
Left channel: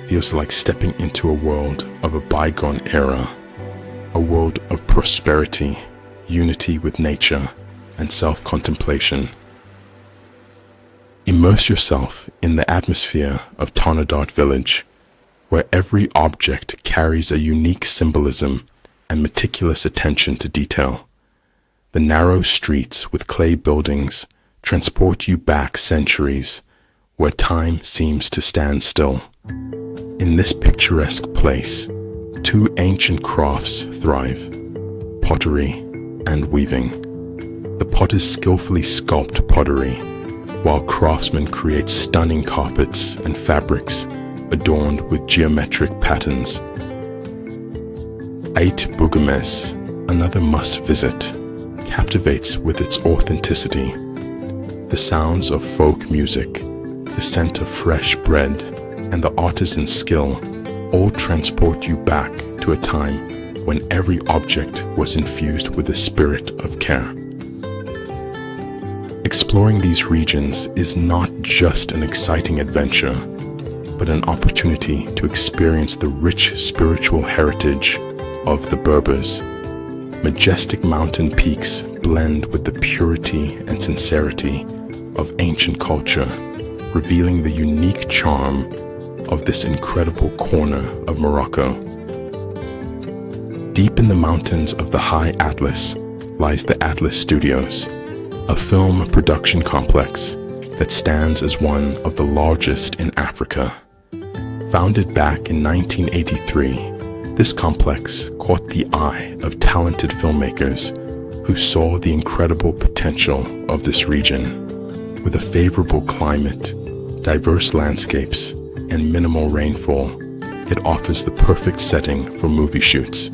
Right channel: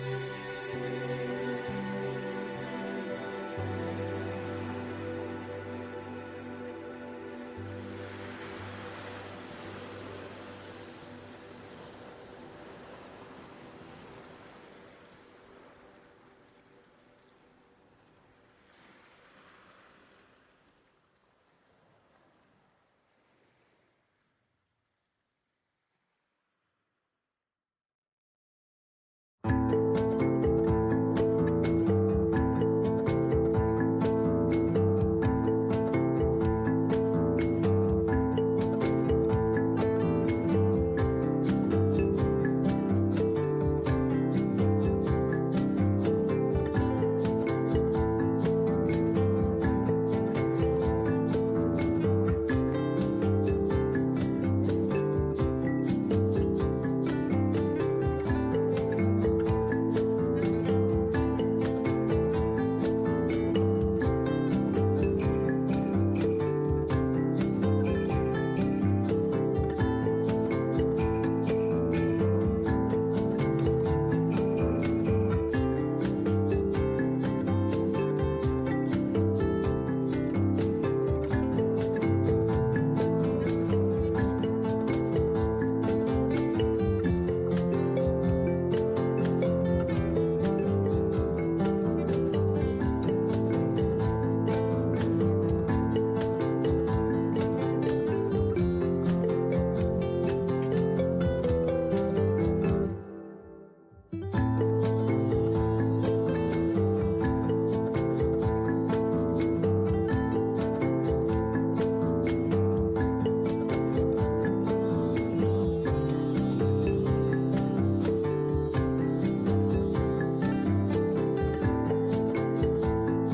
feels like stepping into a world of a bygone era, a world of prosperity, unity with nature, and self-contemplation. Immerse yourself in the atmosphere of Tonadart village, where every object carries a unique symbolism and meticulous attention to detail. The narrow streets with clay buildings transport you back centuries, where time seems to stand still. In this picturesque place, two ancient crafts thrive: pottery and weaving. The potters skillfully sculpt pottery, while craftsmen create stunning carpets and fabrics adorned with geometric patterns. Ait Bouguemes, another must-visit, captivates with its authenticity. The sounds of folk music, the scent of fresh bread, and the artisan skill all transport you back to a time when every object was infused with a spirit of care. Exploring these regions is not just an exciting adventure, but an opportunity to experience the rich spiritual heritage of the Berbers. Majestic mountain peaks blend with the purity and sincerity of ancient culture, revealing the unique charm of this incredible corner of Morocco. Deep in the mountains of the High Atlas lies the Atlas Studios, a film production complex that stands as one of the largest in Africa. Founded back in 1983, this complex caught the eye of talented filmmakers who saw the incredible potential of this region. With a favorable climate, diverse landscapes, and minimal rainfall, it offers the perfect setting for movie shoots.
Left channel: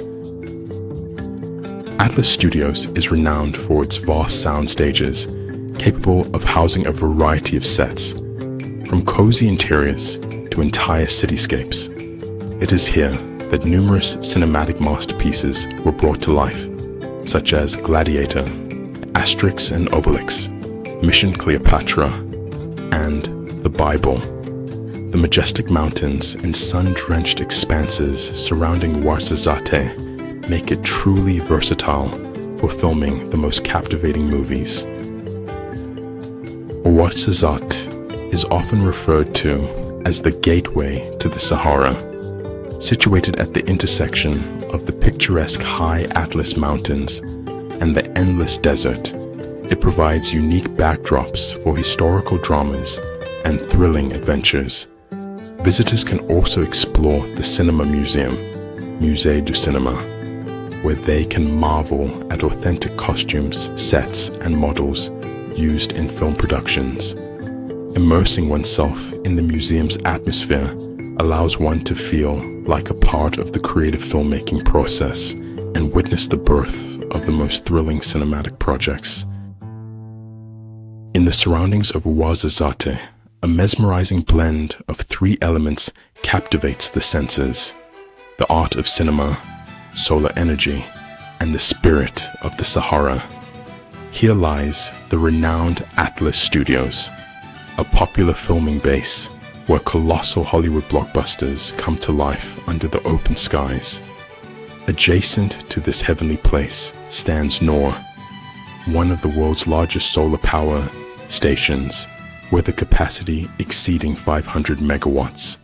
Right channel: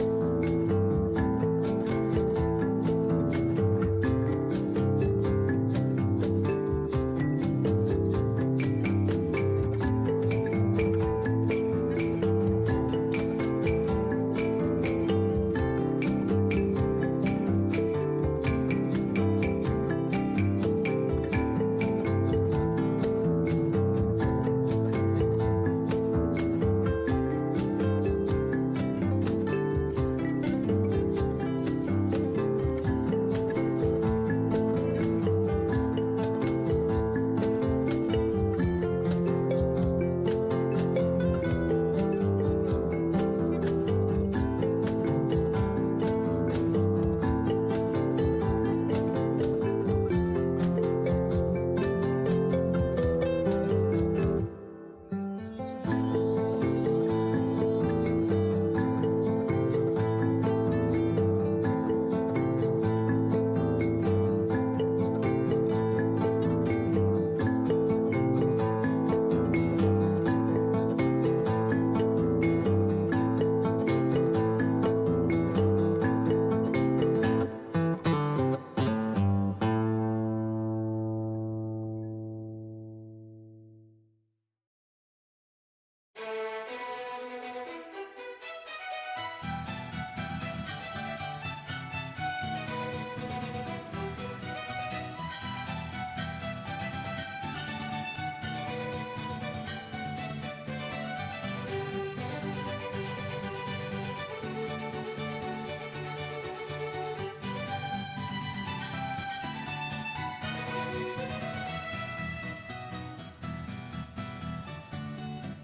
Atlas Studios is renowned for its vast sound stages, capable of housing a variety of sets, from cozy interiors to entire cityscapes. It is here that numerous cinematic masterpieces were brought to life, such as Gladiator, Asterix and Obelix, Mission Cleopatra, and The Bible. The majestic mountains and sun-drenched expanses surrounding Ouarzazate make it truly versatile for filming the most captivating movies. Ouarzazate is often referred to as the gateway to the Sahara. Situated at the intersection of the picturesque High Atlas Mountains and the endless desert, it provides unique backdrops for historical dramas and thrilling adventures. Visitors can also explore the Cinema Museum, Musée du Cinéma, where they can marvel at authentic costumes, sets, and models used in film productions. Immersing oneself in the museum's atmosphere allows one to feel like a part of the creative filmmaking process and witness the birth of the most thrilling cinematic projects. In the surroundings of Ouarzazate, a mesmerizing blend of three elements captivates the senses: the art of cinema, solar energy, and the spirit of the Sahara. Here lies the renowned Atlas Studios, a popular filming base where colossal Hollywood blockbusters come to life under the open skies. Adjacent to this heavenly place stands Noor, one of the world's largest solar power stations, with a capacity exceeding 500 megawatts.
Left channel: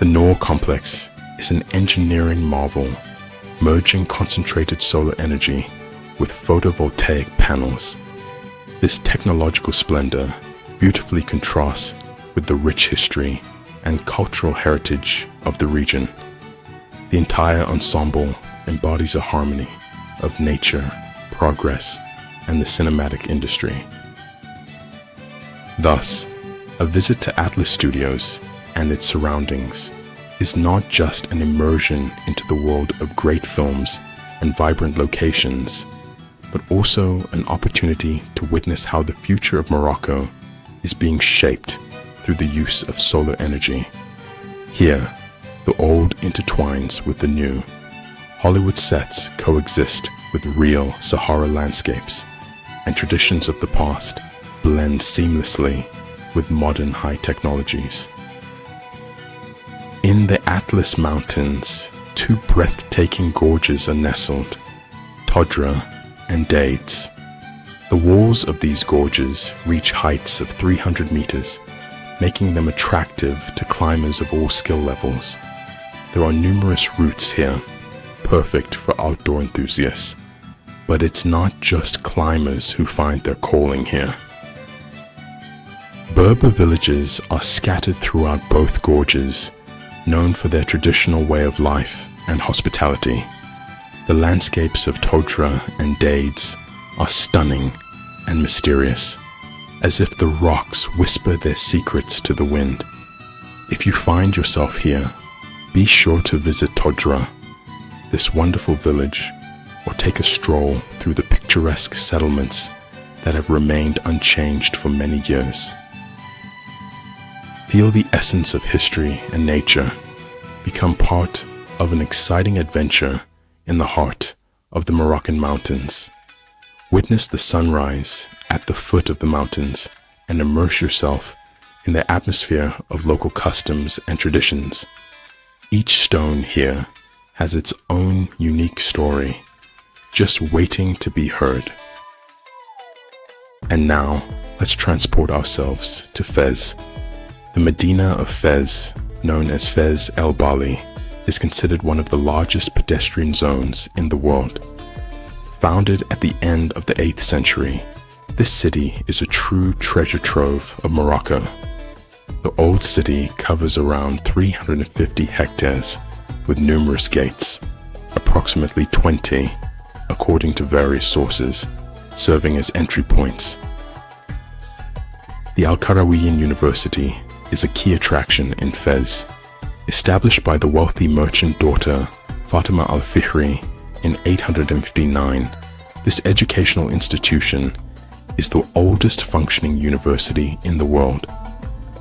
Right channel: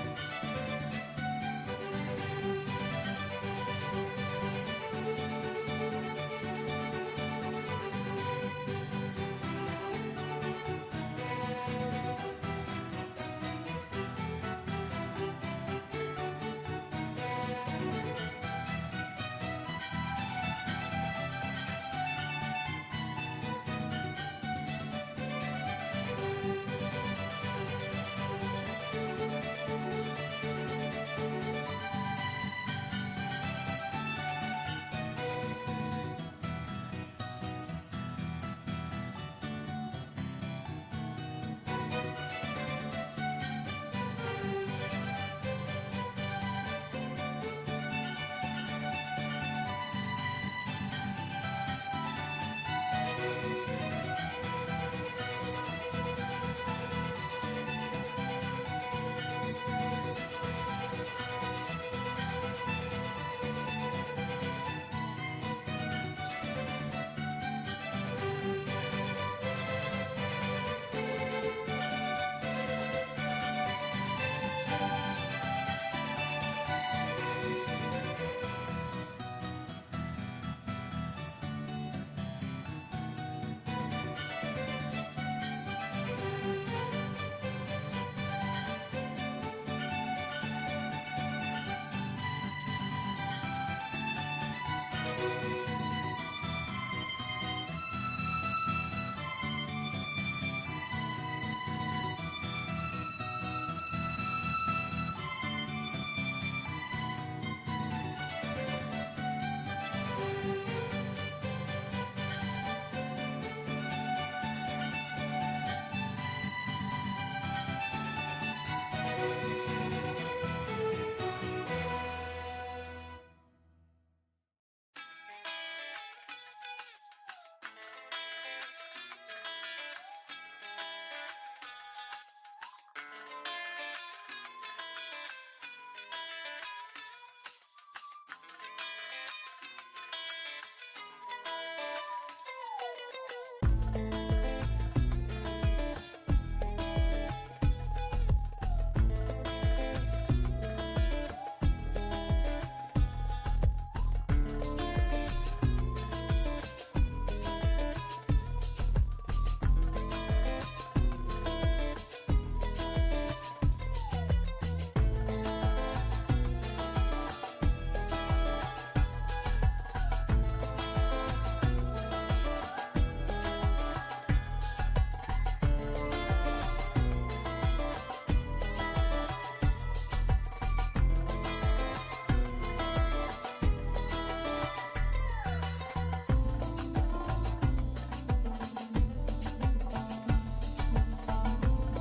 The Noor complex is an engineering marvel, merging concentrated solar energy with photovoltaic panels. This technological splendor beautifully contrasts with the rich history and cultural heritage of the region. The entire ensemble embodies a harmony of nature, progress, and the cinematic industry. Thus, a visit to Atlas Studios and its surroundings is not just an immersion into the world of great films and vibrant locations, but also an opportunity to witness how the future of Morocco is being shaped through the use of solar energy. Here, the old intertwines with the new. Hollywood sets coexist with real Sahara landscapes, and traditions of the past blend seamlessly with modern high technologies. In the Atlas Mountains, two breathtaking gorges are nestled, Todra and Dades. The walls of these gorges reach heights of 300 meters, making them attractive to climbers of all skill levels. There are numerous routes here, perfect for outdoor enthusiasts, but it's not just climbers who find their calling here. Berber villages are scattered throughout both gorges, known for their traditional way of life and hospitality. The landscapes of Todra and Dades are stunning and mysterious, as if the rocks whisper their secrets to the wind. If you find yourself here, be sure to visit Todra, this wonderful village, or take a stroll through the picturesque settlements that have remained unchanged for many years. Feel the essence of history and nature. Become part of an exciting adventure in the heart of the Moroccan mountains. Witness the sunrise at the foot of the mountains and immerse yourself in the atmosphere of local customs and traditions. Each stone here has its own unique story, just waiting to be heard. And now, let's transport ourselves to Fez. The Medina of Fez, known as Fez El Bali, is considered one of the largest pedestrian zones in the world. Founded at the end of the 8th century, this city is a true treasure trove of Morocco. The old city covers around 350 hectares with numerous gates, approximately 20, according to various sources, serving as entry points. The Al-Qarawiyyin University is a key attraction in Fez. Established by the wealthy merchant daughter Fatima al-Fihri in 859, this educational institution is the oldest functioning university in the world.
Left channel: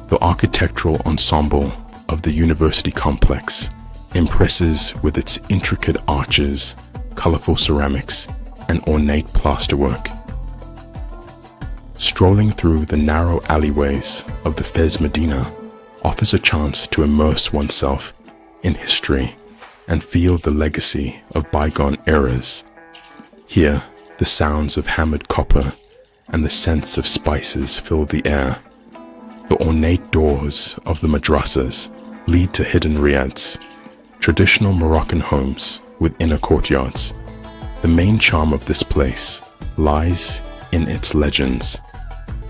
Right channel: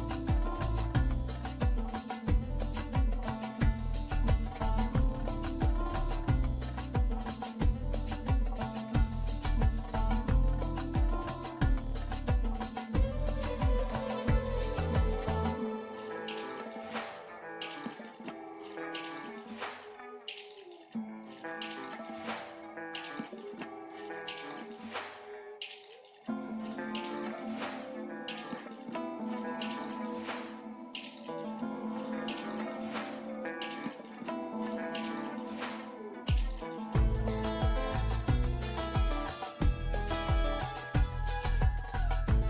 The architectural ensemble of the university complex impresses with its intricate arches, colorful ceramics, and ornate plasterwork. Strolling through the narrow alleyways of the Fez Medina offers a chance to immerse oneself in history and feel the legacy of bygone eras. Here, the sounds of hammered copper and the scents of spices fill the air. The ornate doors of the madrasas lead to hidden riads, traditional Moroccan homes with inner courtyards. The main charm of this place lies in its legends,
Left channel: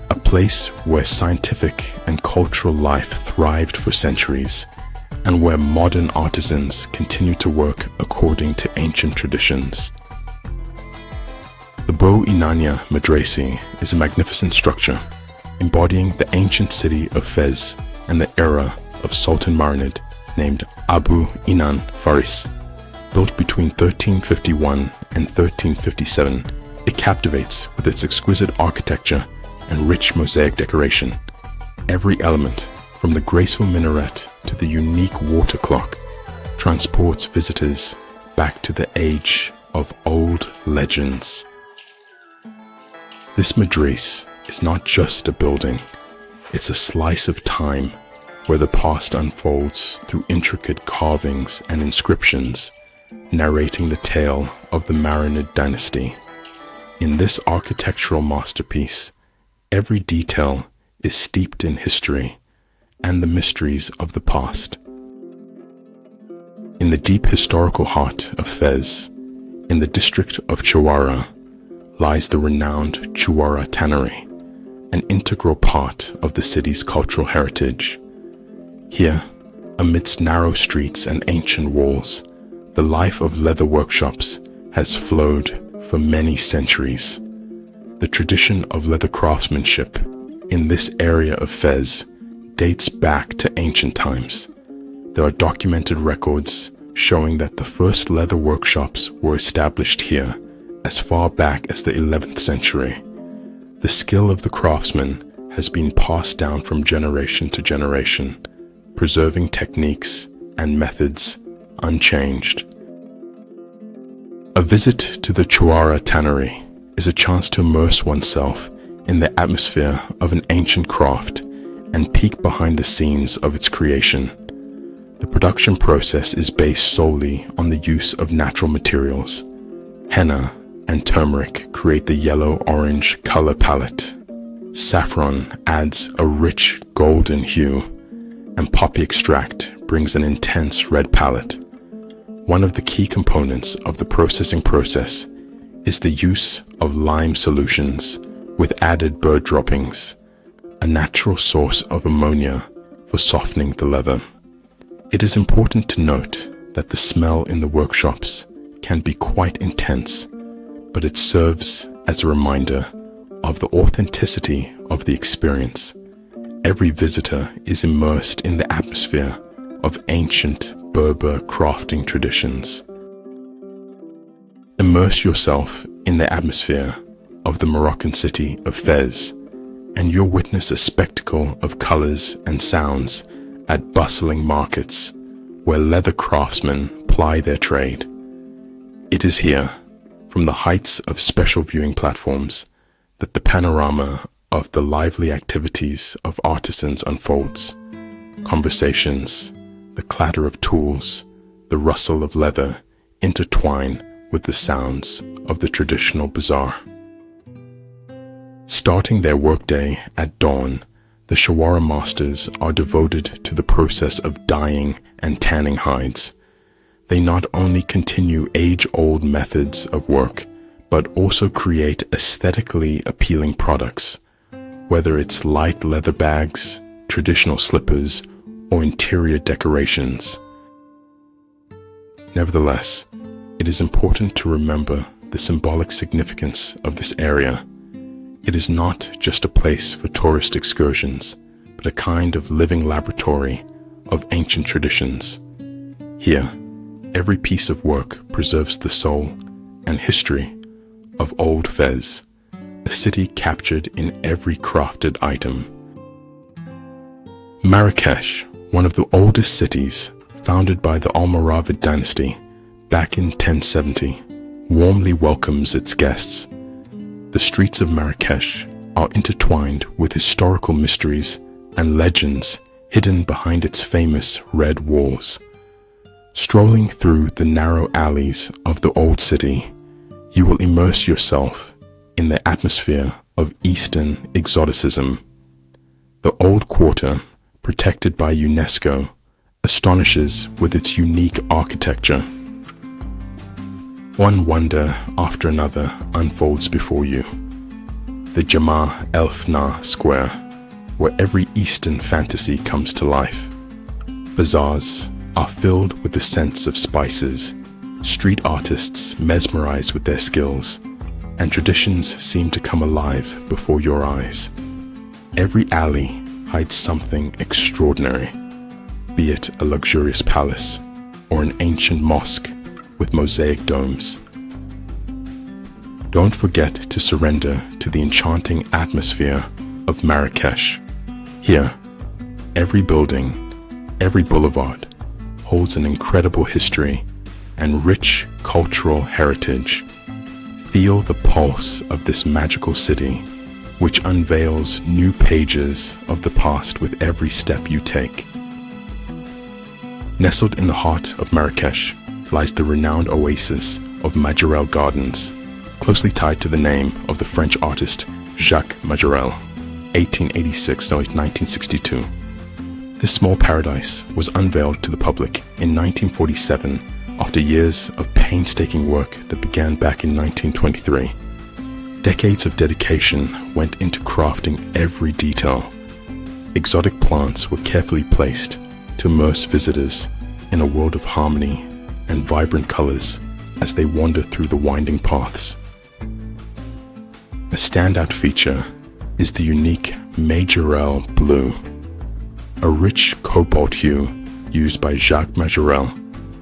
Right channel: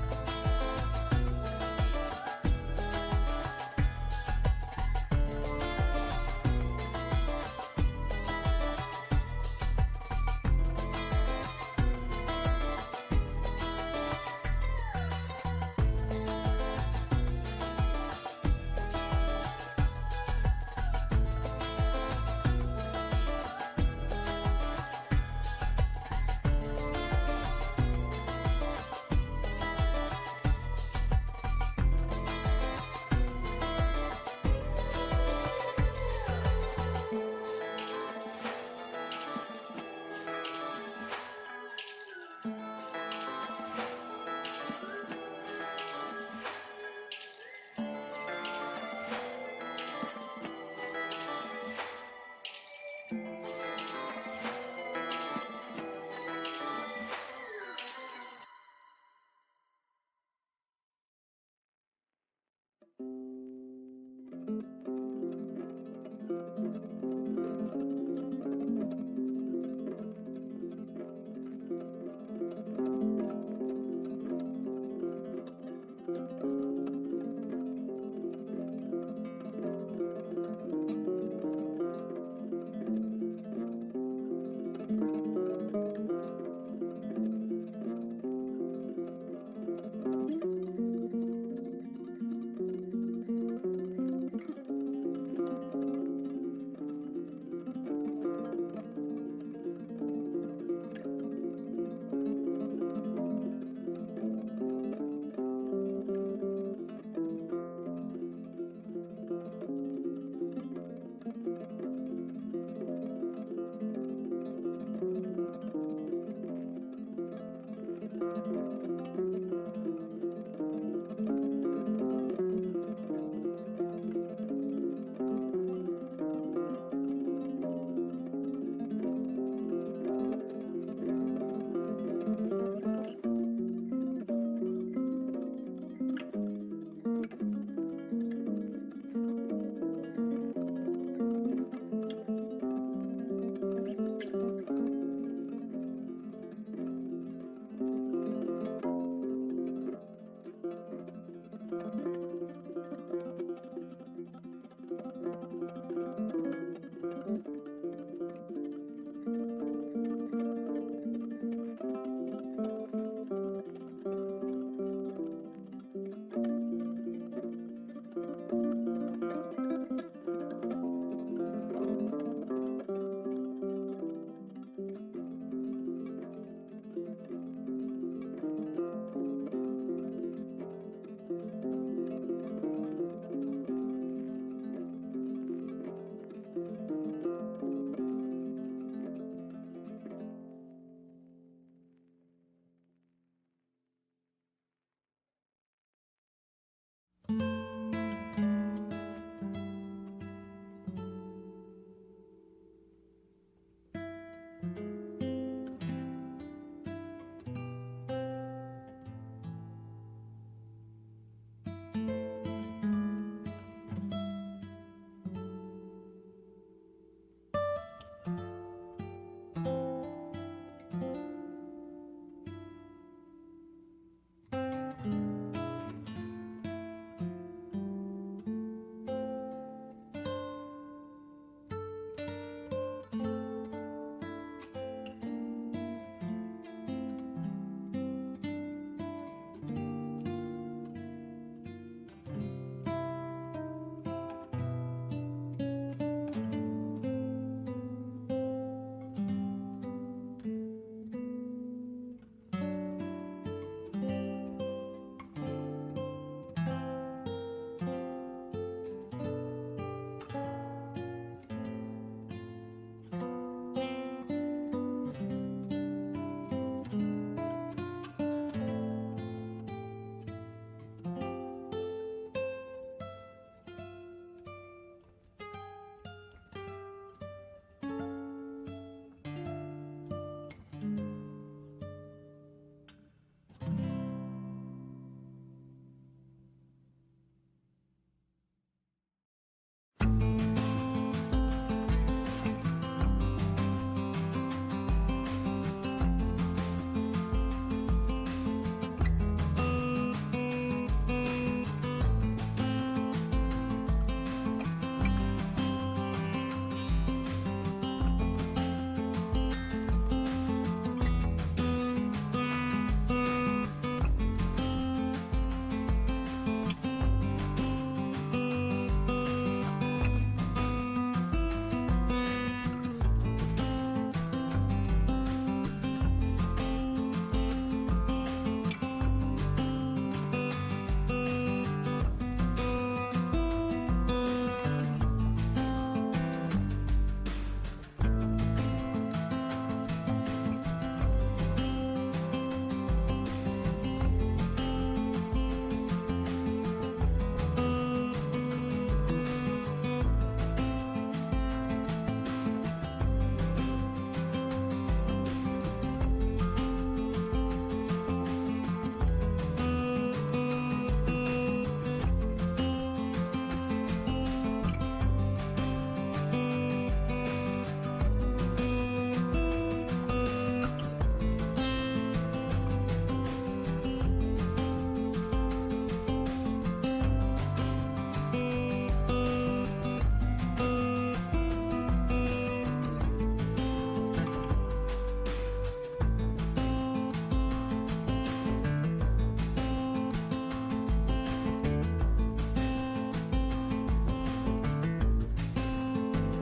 a place where scientific and cultural life thrived for centuries, and where modern artisans continue to work according to ancient traditions. The Bo Inania Madrasi is a magnificent structure, embodying the ancient city of Fez and the era of Sultan Marinid named Abu Inan Faris. Built between 1351 and 1357, it captivates with its exquisite architecture and rich mosaic decoration. Every element, from the graceful minaret to the unique water clock, transports visitors back to the age of old legends. This madris is not just a building, it's a slice of time where the past unfolds through intricate carvings and inscriptions, narrating the tale of the Marinid dynasty. In this architectural masterpiece, every detail is steeped in history and the mysteries of the past. In the deep historical heart of Fez, in the district of Chouara, lies the renowned Chouara Tannery, an integral part of the city's cultural heritage. Here, amidst narrow streets and ancient walls, the life of leather workshops has flowed for many centuries. The tradition of leather craftsmanship in this area of Fez dates back to ancient times. There are documented records showing that the first leather workshops were established here as far back as the 11th century. The skill of the craftsman has been passed down from generation to generation, preserving techniques and methods unchanged. A visit to the Chouara Tannery is a chance to immerse oneself in the atmosphere of an ancient craft and peek behind the scenes of its creation. The production process is based solely on the use of natural materials. Henna and turmeric create the yellow-orange color palette. Saffron adds a rich golden hue, and poppy extract brings an intense red palette. One of the key components of the processing process is the use of lime solutions with added bird droppings, a natural source of ammonia for softening the leather. It is important to note that the smell in the workshops can be quite intense, but it serves as a reminder of the authenticity of the experience. Every visitor is immersed in the atmosphere of ancient Berber crafting traditions. Immerse yourself in the atmosphere of the Moroccan city of Fez, and you'll witness a spectacle of colors and sounds at bustling markets where leather craftsmen ply their trade. It is here, from the heights of special viewing platforms, that the panorama of the lively activities of artisans unfolds. Conversations, the clatter of tools, the rustle of leather intertwine with the sounds of the traditional bazaar. Starting their workday at dawn, the Chouara masters are devoted to the process of dyeing and tanning hides. They not only continue age-old methods of work, but also create aesthetically appealing products, whether it's light leather bags, traditional slippers, or interior decorations. Nevertheless, it is important to remember the symbolic significance of this area. It is not just a place for tourist excursions, but a kind of living laboratory of ancient traditions. Here, every piece of work preserves the soul and history of Old Fez, a city captured in every crafted item. Marrakech, one of the oldest cities, founded by the Almoravid dynasty back in 1070, warmly welcomes its guests. The streets of Marrakech are intertwined with historical mysteries and legends hidden behind its famous red walls. Strolling through the narrow alleys of the old city, you will immerse yourself in the atmosphere of Eastern exoticism. The old quarter, protected by UNESCO, astonishes with its unique architecture. One wonder after another unfolds before you. The Jama El Fna Square, where every Eastern fantasy comes to life. Bazaars are filled with the scents of spices, street artists mesmerized with their skills, and traditions seem to come alive before your eyes. Every alley hides something extraordinary, be it a luxurious palace or an ancient mosque with mosaic domes. Don't forget to surrender to the enchanting atmosphere of Marrakech. Here, every building, every boulevard holds an incredible history and rich cultural heritage. Feel the pulse of this magical city, which unveils new pages of the past with every step you take. Nestled in the heart of Marrakech lies the renowned oasis of Majorelle Gardens, closely tied to the name of the French artist Jacques Majorelle, 1886 to 1962. This small paradise was unveiled to the public in 1947 after years of painstaking work that began back in 1923. Decades of dedication went into crafting every detail. Exotic plants were carefully placed to immerse visitors in a world of harmony and vibrant colors as they wander through the winding paths. A standout feature is the unique Majorelle blue, a rich cobalt hue used by Jacques Majorelle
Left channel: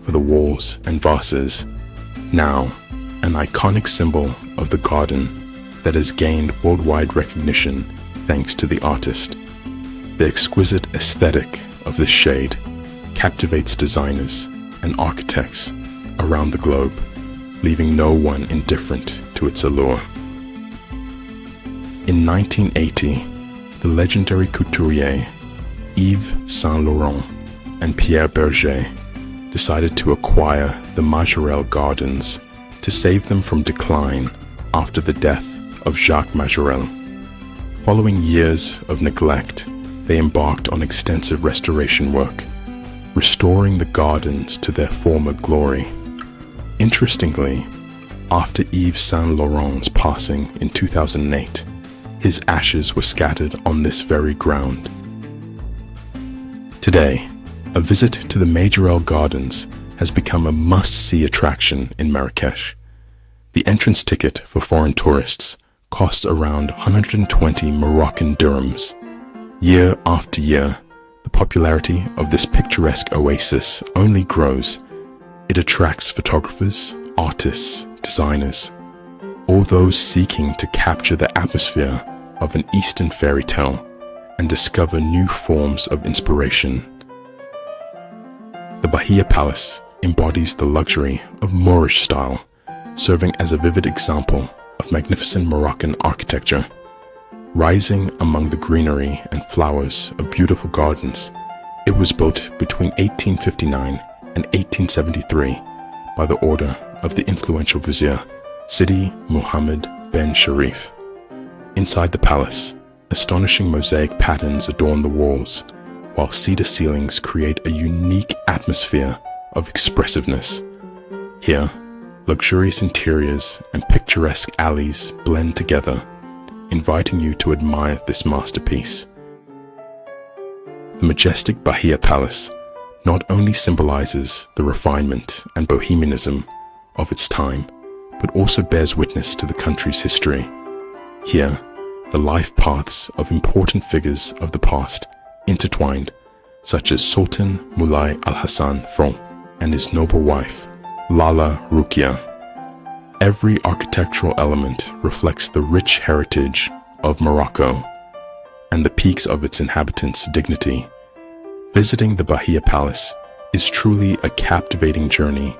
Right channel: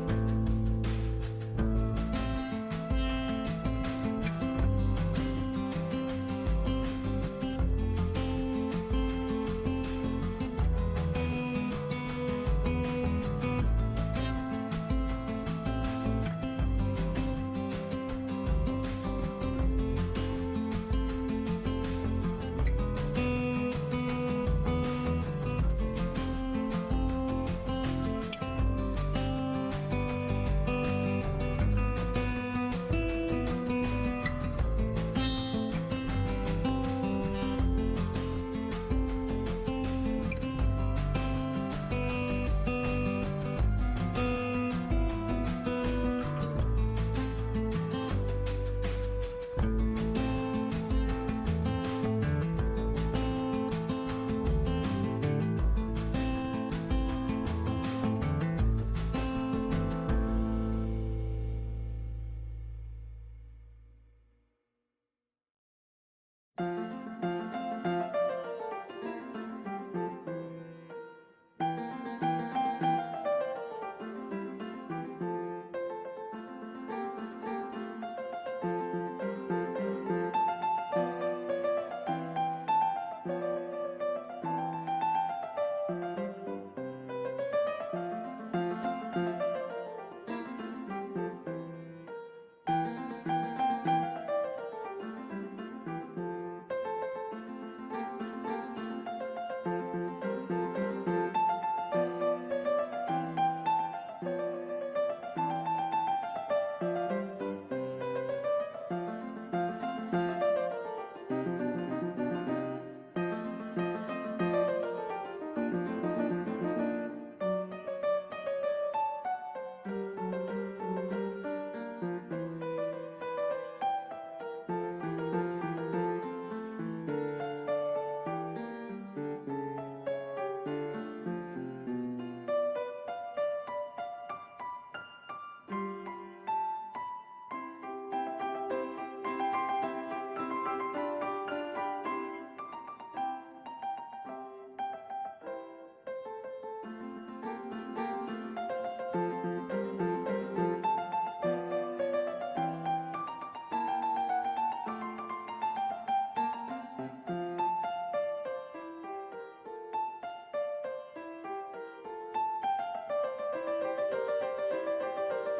for the walls and vases, now an iconic symbol of the garden that has gained worldwide recognition thanks to the artist. The exquisite aesthetic of this shade captivates designers and architects around the globe, leaving no one indifferent to its allure. In 1980, the legendary couturier Yves Saint Laurent and Pierre Berger decided to acquire the Majorelle Gardens to save them from decline after the death of Jacques Majorelle. Following years of neglect, they embarked on extensive restoration work, restoring the gardens to their former glory. Interestingly, after Yves Saint Laurent's passing in 2008, his ashes were scattered on this very ground. Today, a visit to the Majorelle Gardens has become a must-see attraction in Marrakech. The entrance ticket for foreign tourists costs around 120 Moroccan dirhams. Year after year, the popularity of this picturesque oasis only grows. It attracts photographers, artists, designers, all those seeking to capture the atmosphere of an Eastern fairy tale and discover new forms of inspiration. The Bahia Palace embodies the luxury of Moorish style, serving as a vivid example of magnificent Moroccan architecture. Rising among the greenery and flowers of beautiful gardens, it was built between 1859 and 1873 by the order of the influential vizier Sidi Muhammad ben Sharif. Inside the palace, astonishing mosaic patterns adorn the walls, while cedar ceilings create a unique atmosphere of expressiveness. Here, luxurious interiors and picturesque alleys blend together, inviting you to admire this masterpiece. The majestic Bahia Palace not only symbolizes the refinement and bohemianism of its time, but also bears witness to the country's history. Here, the life paths of important figures of the past intertwined, such as Sultan Moulay Al-Hassan Fron and his noble wife, Lala Rukia. Every architectural element reflects the rich heritage of Morocco and the peaks of its inhabitants' dignity. Visiting the Bahia Palace is truly a captivating journey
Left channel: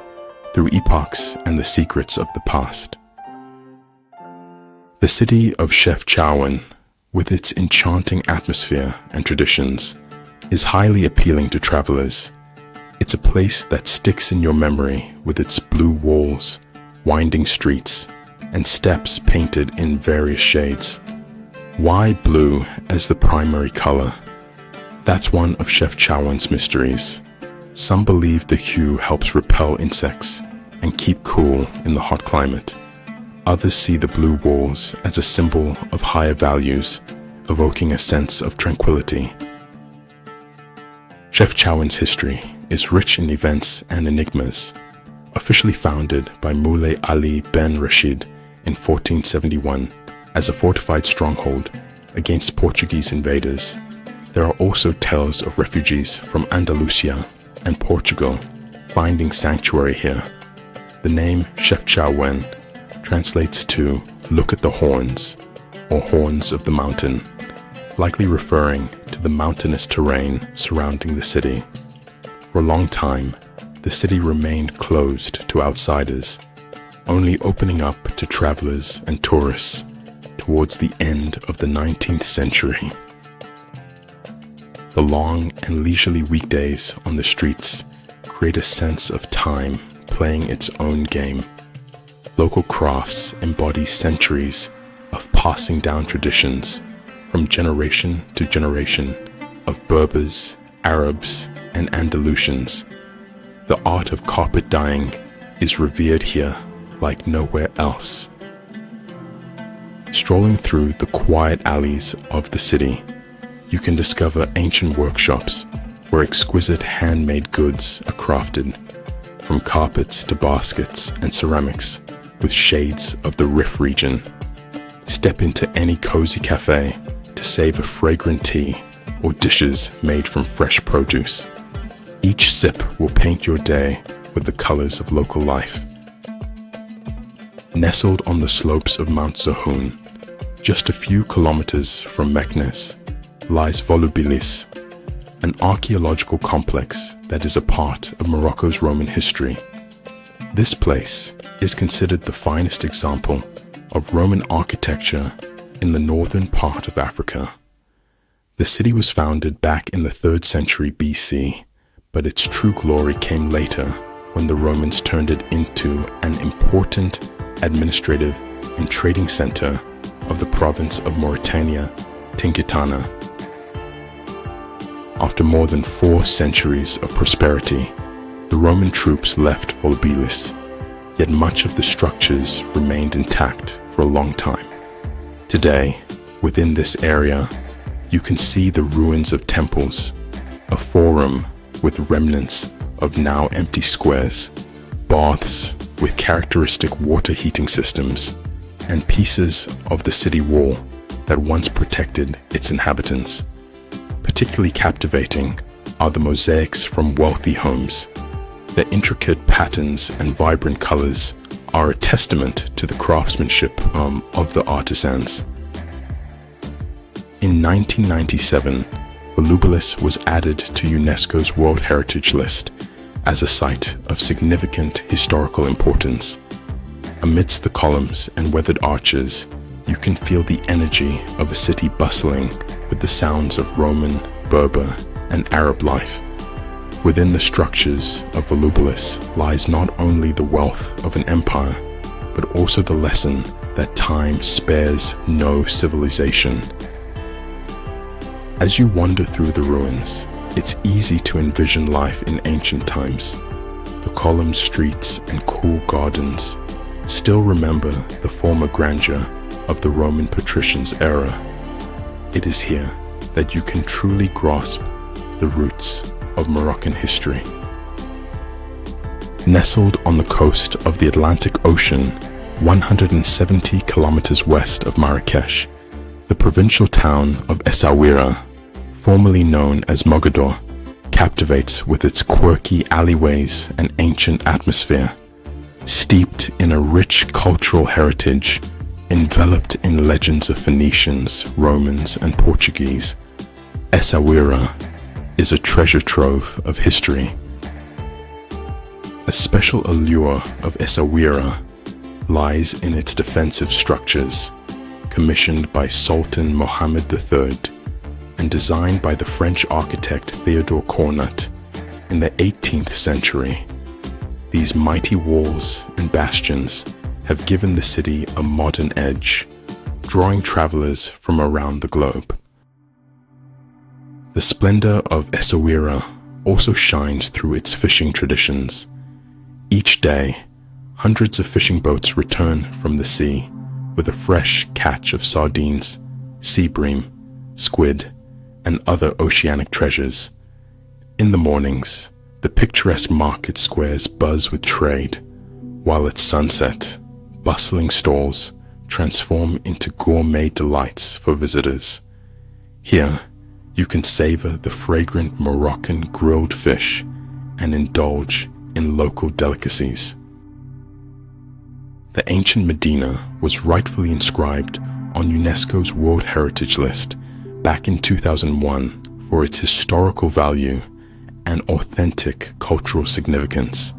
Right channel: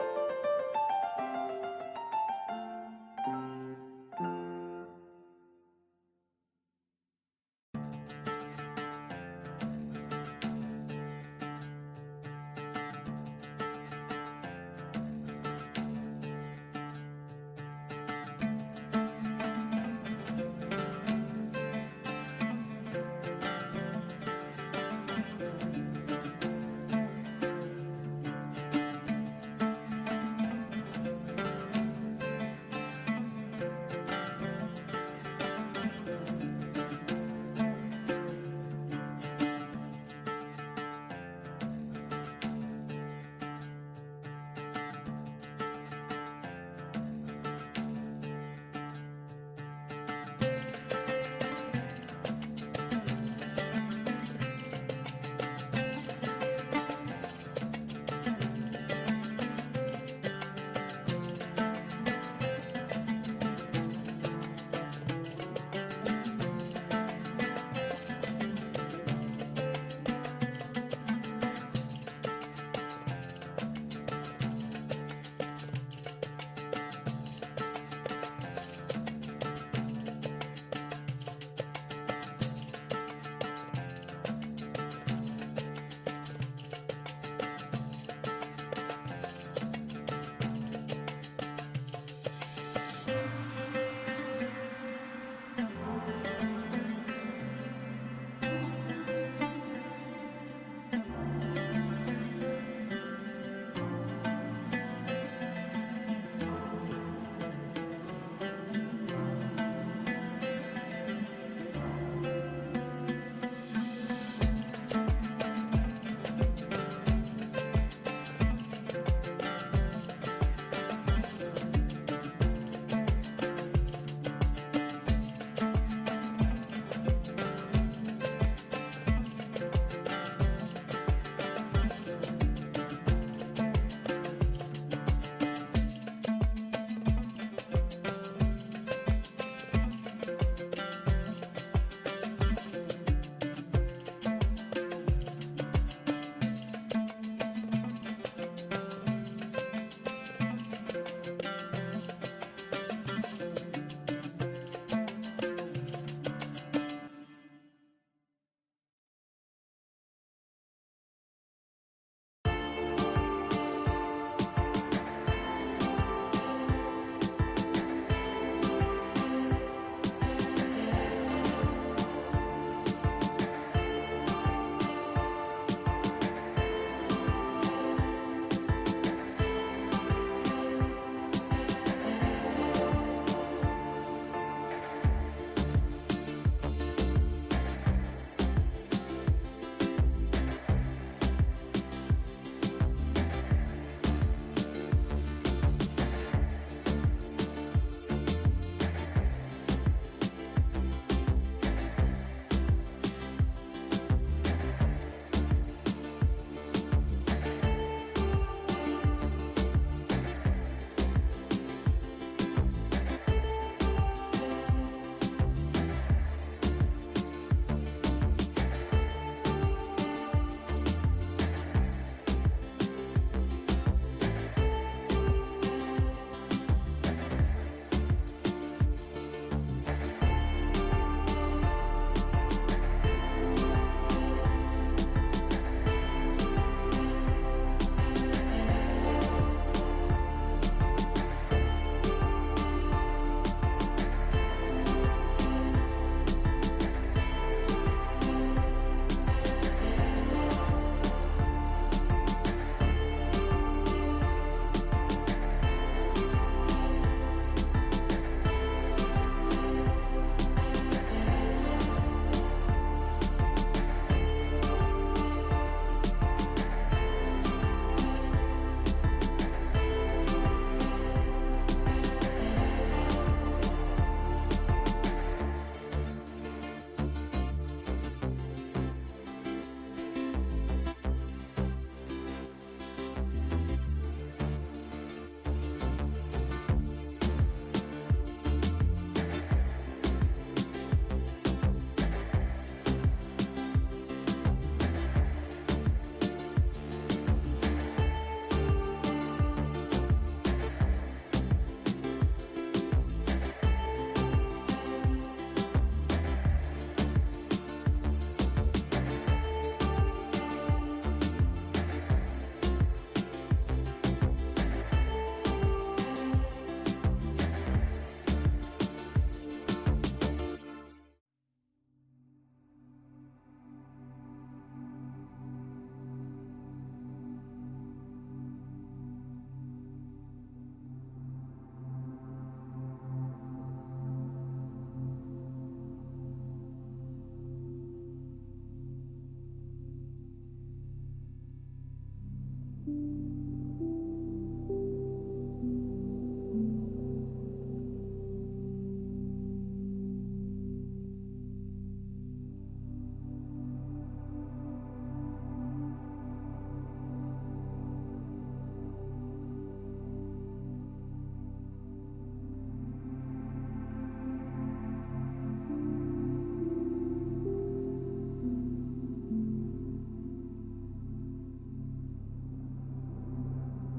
through epochs and the secrets of the past. The city of Chefchaouen, with its enchanting atmosphere and traditions, is highly appealing to travelers. It's a place that sticks in your memory with its blue walls, winding streets, and steps painted in various shades. Why blue as the primary color? That's one of Chefchaouen's mysteries. Some believe the hue helps repel insects and keep cool in the hot climate. Others see the blue walls as a symbol of higher values, evoking a sense of tranquility. Chefchaouen's history is rich in events and enigmas. Officially founded by Moulay Ali ben Rashid in 1471 as a fortified stronghold, against Portuguese invaders, there are also tales of refugees from Andalusia and Portugal finding sanctuary here. The name Chefchaouen translates to "look at the horns" or "horns of the mountain," likely referring to the mountainous terrain surrounding the city. For a long time, the city remained closed to outsiders, only opening up to travelers and tourists towards the end of the 19th century. The long and leisurely weekdays on the streets create a sense of time playing its own game. Local crafts embody centuries of passing down traditions from generation to generation of Berbers, Arabs, and Andalusians. The art of carpet dyeing is revered here like nowhere else. Strolling through the quiet alleys of the city, you can discover ancient workshops where exquisite handmade goods are crafted, from carpets to baskets and ceramics with shades of the Rif region. Step into any cozy cafe to save a fragrant tea or dishes made from fresh produce. Each sip will paint your day with the colors of local life. Nestled on the slopes of Mount Zahoun, just a few kilometers from Meknes, lies Volubilis, an archaeological complex that is a part of Morocco's Roman history. This place is considered the finest example of Roman architecture in the northern part of Africa. The city was founded back in the 3rd century BC, but its true glory came later when the Romans turned it into an important administrative and trading center of the province of Mauritania, Tingitana. After more than 4 centuries of prosperity, the Roman troops left Volubilis, yet much of the structures remained intact for a long time. Today, within this area, you can see the ruins of temples, a forum with remnants of now empty squares, baths with characteristic water heating systems, and pieces of the city wall that once protected its inhabitants. Particularly captivating are the mosaics from wealthy homes. Their intricate patterns and vibrant colors are a testament to the craftsmanship of the artisans. In 1997, Volubilis was added to UNESCO's World Heritage List as a site of significant historical importance. Amidst the columns and weathered arches, you can feel the energy of a city bustling with the sounds of Roman, Berber, and Arab life. Within the structures of Volubilis lies not only the wealth of an empire, but also the lesson that time spares no civilization. As you wander through the ruins, it's easy to envision life in ancient times. The columned streets and cool gardens still remember the former grandeur of the Roman patricians' era. It is here that you can truly grasp the roots of Moroccan history. Nestled on the coast of the Atlantic Ocean, 170 kilometers west of Marrakech, the provincial town of Essaouira, formerly known as Mogador, captivates with its quirky alleyways and ancient atmosphere. Steeped in a rich cultural heritage, enveloped in legends of Phoenicians, Romans, and Portuguese, Essaouira is a treasure trove of history. A special allure of Essaouira lies in its defensive structures, commissioned by Sultan Mohammed III and designed by the French architect Theodore Cornut in the 18th century. These mighty walls and bastions have given the city a modern edge, drawing travelers from around the globe. The splendor of Essaouira also shines through its fishing traditions. Each day, hundreds of fishing boats return from the sea with a fresh catch of sardines, sea bream, squid, and other oceanic treasures. In the mornings, the picturesque market squares buzz with trade, while at sunset, bustling stalls transform into gourmet delights for visitors. Here, you can savor the fragrant Moroccan grilled fish and indulge in local delicacies. The ancient Medina was rightfully inscribed on UNESCO's World Heritage List back in 2001 for its historical value and authentic cultural significance.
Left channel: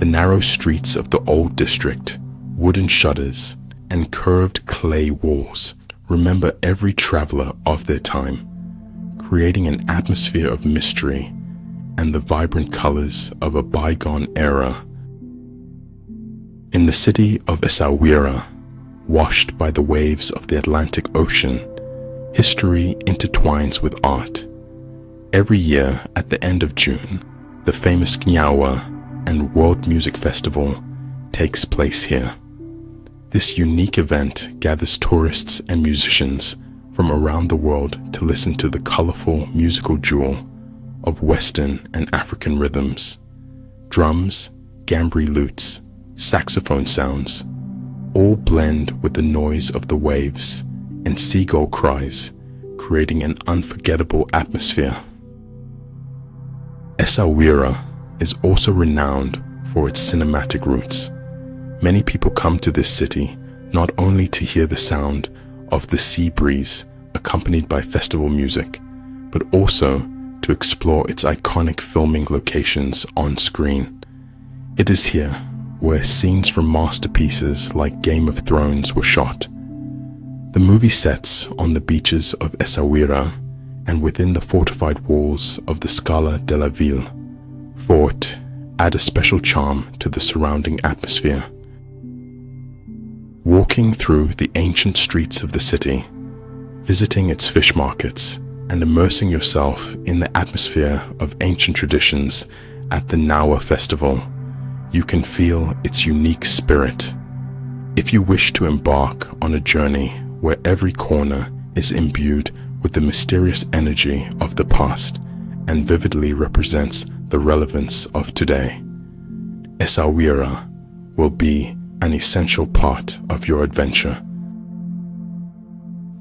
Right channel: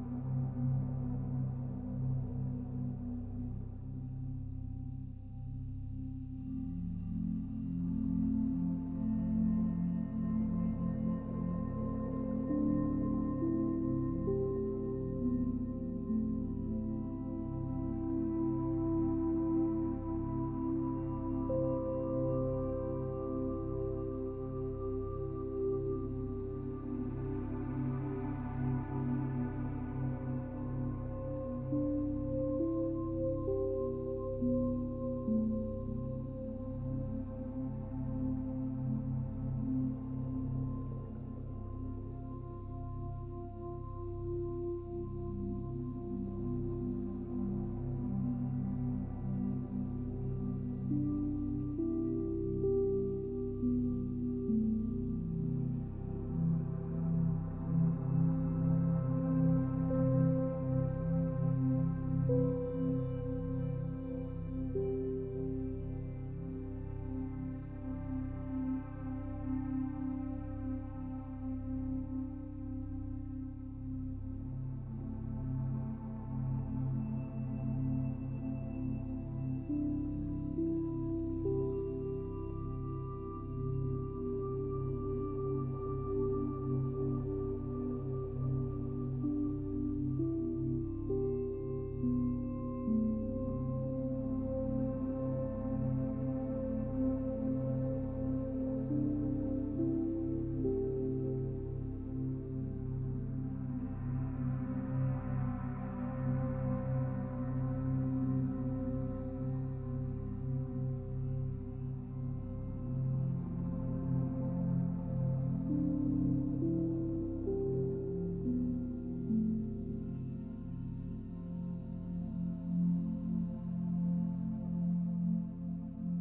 The narrow streets of the old district, wooden shutters, and curved clay walls remember every traveler of their time, creating an atmosphere of mystery and the vibrant colors of a bygone era. In the city of Essaouira, washed by the waves of the Atlantic Ocean, history intertwines with art. Every year at the end of June, the famous Chefchaouen and World Music Festival takes place here. This unique event gathers tourists and musicians from around the world to listen to the colorful musical jewel of Western and African rhythms. Drums, gambri lutes, saxophone sounds, all blend with the noise of the waves and seagull cries, creating an unforgettable atmosphere. Essaouira is also renowned for its cinematic roots. Many people come to this city not only to hear the sound of the sea breeze accompanied by festival music, but also to explore its iconic filming locations on screen. It is here where scenes from masterpieces like Game of Thrones were shot. The movie sets on the beaches of Essaouira and within the fortified walls of the Scala de la Ville fort add a special charm to the surrounding atmosphere. Walking through the ancient streets of the city, visiting its fish markets, and immersing yourself in the atmosphere of ancient traditions at the Nawa Festival, you can feel its unique spirit. If you wish to embark on a journey where every corner is imbued with the mysterious energy of the past and vividly represents the relevance of today, Essaouira will be an essential part of your adventure.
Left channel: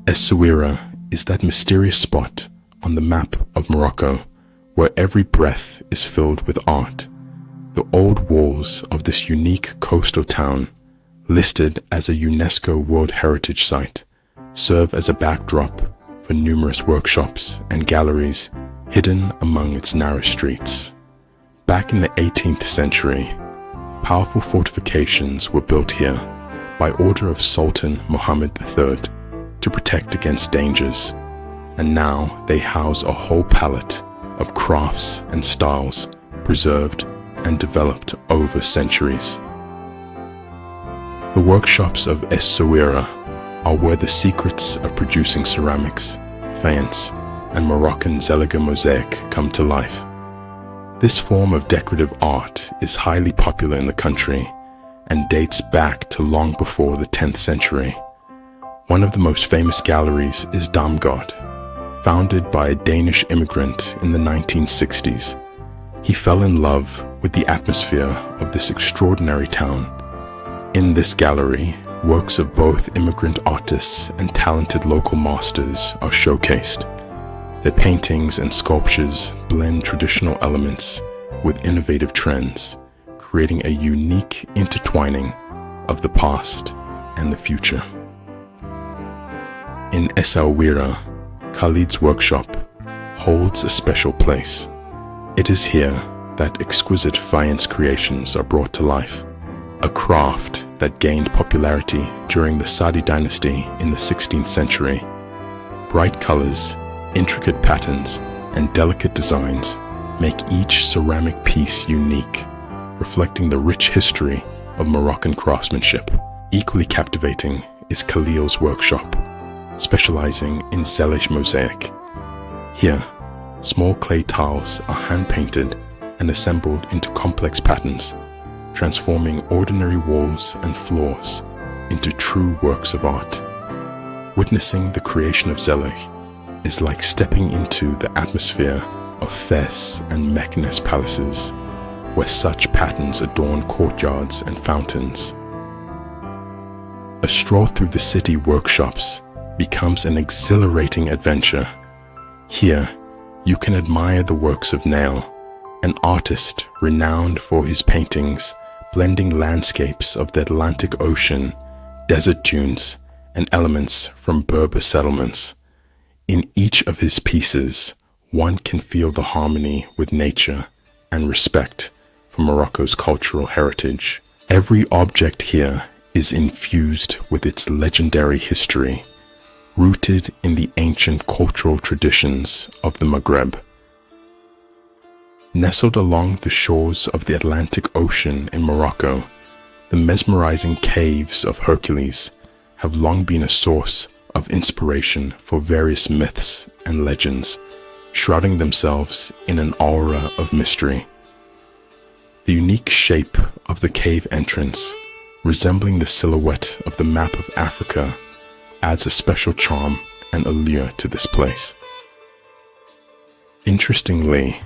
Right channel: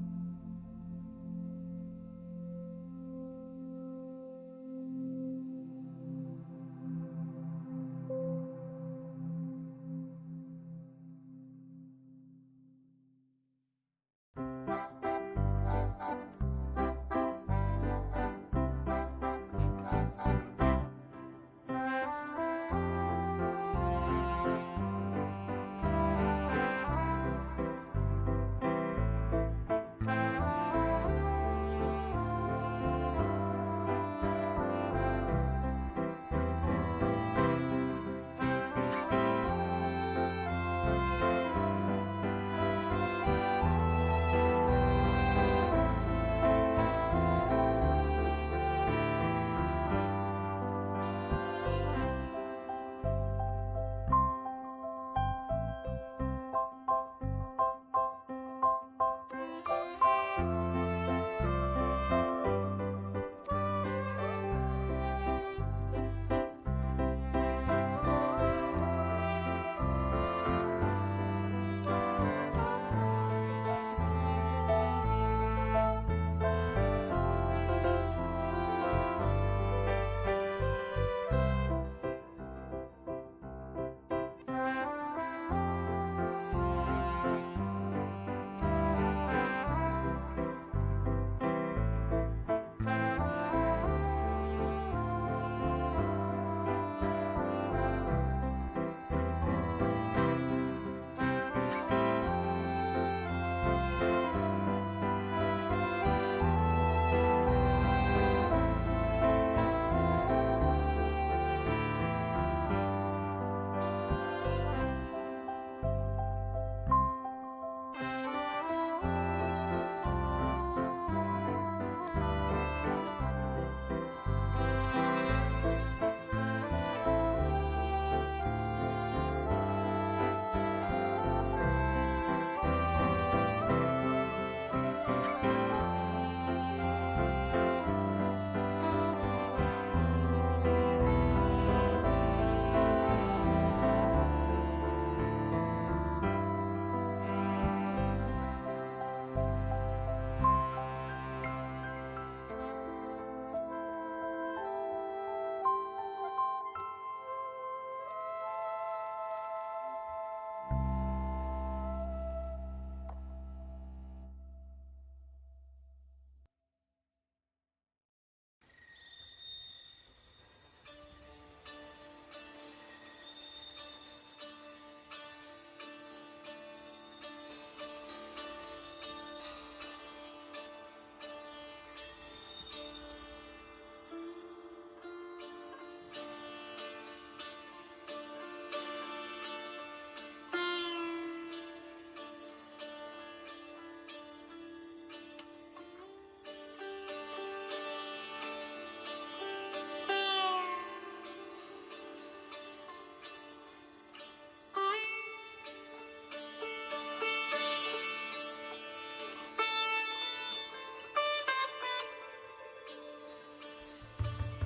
Essaouira is that mysterious spot on the map of Morocco where every breath is filled with art. The old walls of this unique coastal town, listed as a UNESCO World Heritage Site, serve as a backdrop for numerous workshops and galleries hidden among its narrow streets. Back in the 18th century, powerful fortifications were built here by order of Sultan Muhammad III to protect against dangers, and now they house a whole palette of crafts and styles preserved and developed over centuries. The workshops of Essaouira are where the secrets of producing ceramics, faience, and Moroccan Zeliga mosaic come to life. This form of decorative art is highly popular in the country and dates back to long before the 10th century. One of the most famous galleries is Damgod, founded by a Danish immigrant in the 1960s. He fell in love with the atmosphere of this extraordinary town. In this gallery, works of both immigrant artists and talented local masters are showcased. Their paintings and sculptures blend traditional elements with innovative trends, creating a unique intertwining of the past and the future. In Essaouira, Khalid's workshop holds a special place. It is here that exquisite faience creations are brought to life, a craft that gained popularity during the Saadi dynasty in the 16th century. Bright colors, intricate patterns, and delicate designs make each ceramic piece unique, reflecting the rich history of Moroccan craftsmanship. Equally captivating is Khalil's workshop, specializing in Zelig mosaic. Here, small clay tiles are hand-painted and assembled into complex patterns, transforming ordinary walls and floors into true works of art. Witnessing the creation of Zelig is like stepping into the atmosphere of Fez and Meknes palaces, where such patterns adorn courtyards and fountains. A stroll through the city workshops becomes an exhilarating adventure. Here, you can admire the works of Nail, an artist renowned for his paintings blending landscapes of the Atlantic Ocean, desert dunes, and elements from Berber settlements. In each of his pieces, one can feel the harmony with nature and respect for Morocco's cultural heritage. Every object here is infused with its legendary history, rooted in the ancient cultural traditions of the Maghreb. Nestled along the shores of the Atlantic Ocean in Morocco, the mesmerizing caves of Hercules have long been a source of inspiration for various myths and legends, shrouding themselves in an aura of mystery. The unique shape of the cave entrance, resembling the silhouette of the map of Africa, adds a special charm and allure to this place. Interestingly,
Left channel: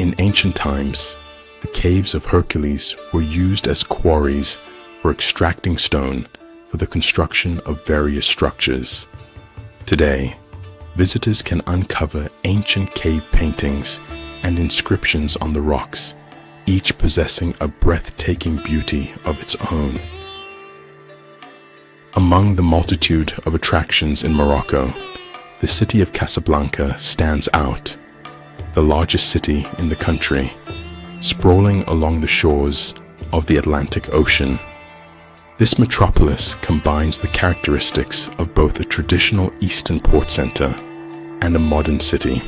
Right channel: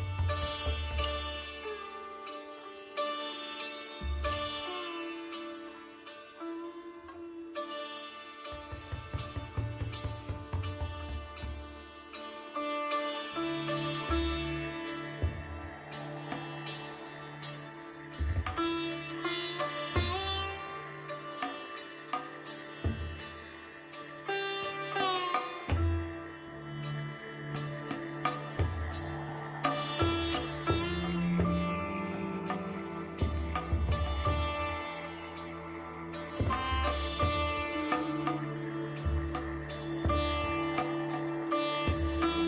in ancient times, the caves of Hercules were used as quarries for extracting stone for the construction of various structures. Today, visitors can uncover ancient cave paintings and inscriptions on the rocks, each possessing a breathtaking beauty of its own. Among the multitude of attractions in Morocco, the city of Casablanca stands out, the largest city in the country, sprawling along the shores of the Atlantic Ocean. This metropolis combines the characteristics of both a traditional Eastern port center and a modern city.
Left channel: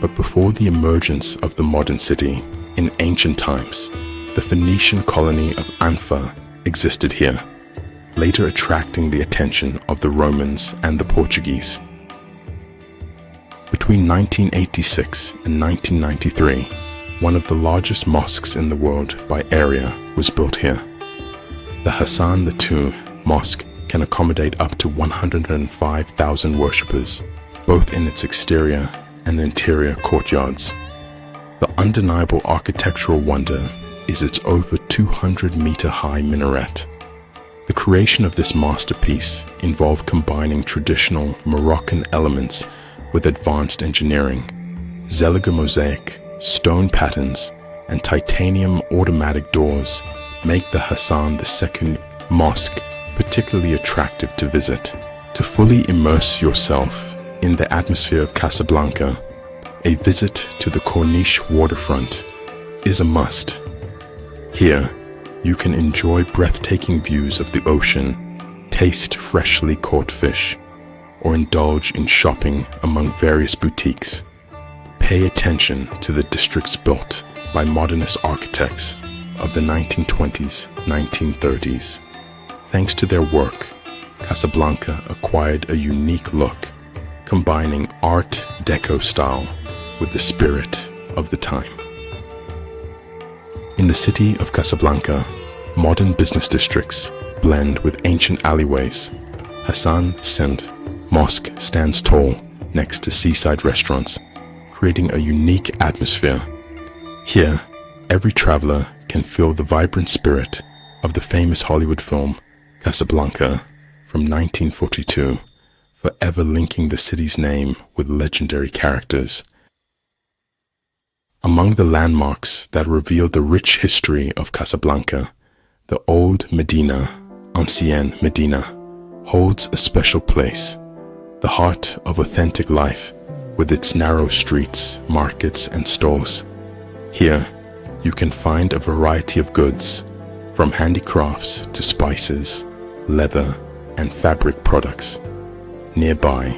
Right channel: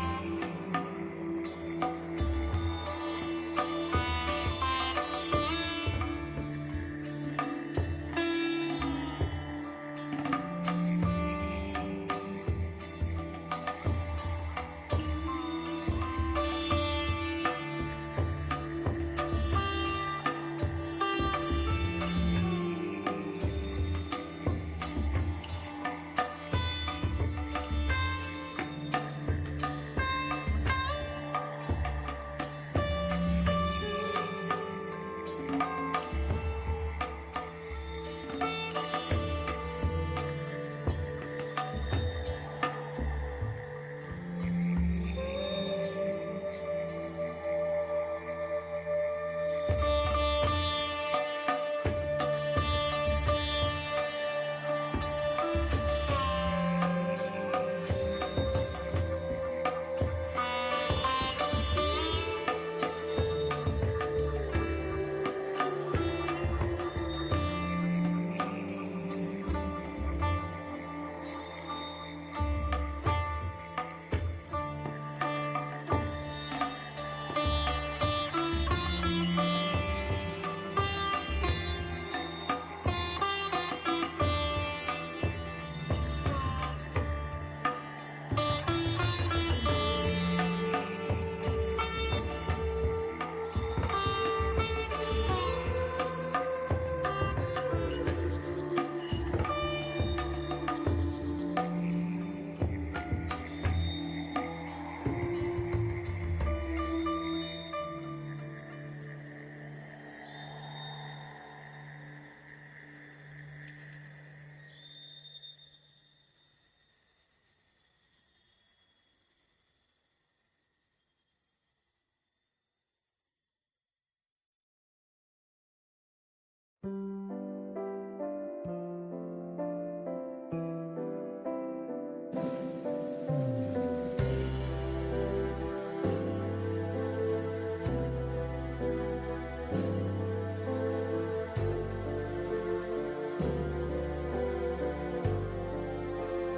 But before the emergence of the modern city, in ancient times, the Phoenician colony of Anfa existed here, later attracting the attention of the Romans and the Portuguese. Between 1986 and 1993, one of the largest mosques in the world by area was built here. The Hassan II Mosque can accommodate up to 105,000 worshippers, both in its exterior and interior courtyards. The undeniable architectural wonder is its over 200-meter-high minaret. The creation of this masterpiece involved combining traditional Moroccan elements with advanced engineering. Zeliger mosaic, stone patterns, and titanium automatic doors make the Hassan II Mosque particularly attractive to visit. To fully immerse yourself in the atmosphere of Casablanca, a visit to the Corniche waterfront is a must. Here, you can enjoy breathtaking views of the ocean, taste freshly caught fish, or indulge in shopping among various boutiques. Pay attention to the districts built by modernist architects of the 1920s, 1930s. Thanks to their work, Casablanca acquired a unique look, combining Art Deco style with the spirit of the time. In the city of Casablanca, modern business districts blend with ancient alleyways. Hassan II Mosque stands tall next to seaside restaurants, creating a unique atmosphere. Here, every traveler can feel the vibrant spirit of the famous Hollywood film Casablanca from 1942, forever linking the city's name with legendary characters. Among the landmarks that reveal the rich history of Casablanca, the old Medina, Ancienne Medina, holds a special place, the heart of authentic life with its narrow streets, markets, and stores. Here, you can find a variety of goods, from handicrafts to spices, leather, and fabric products. Nearby,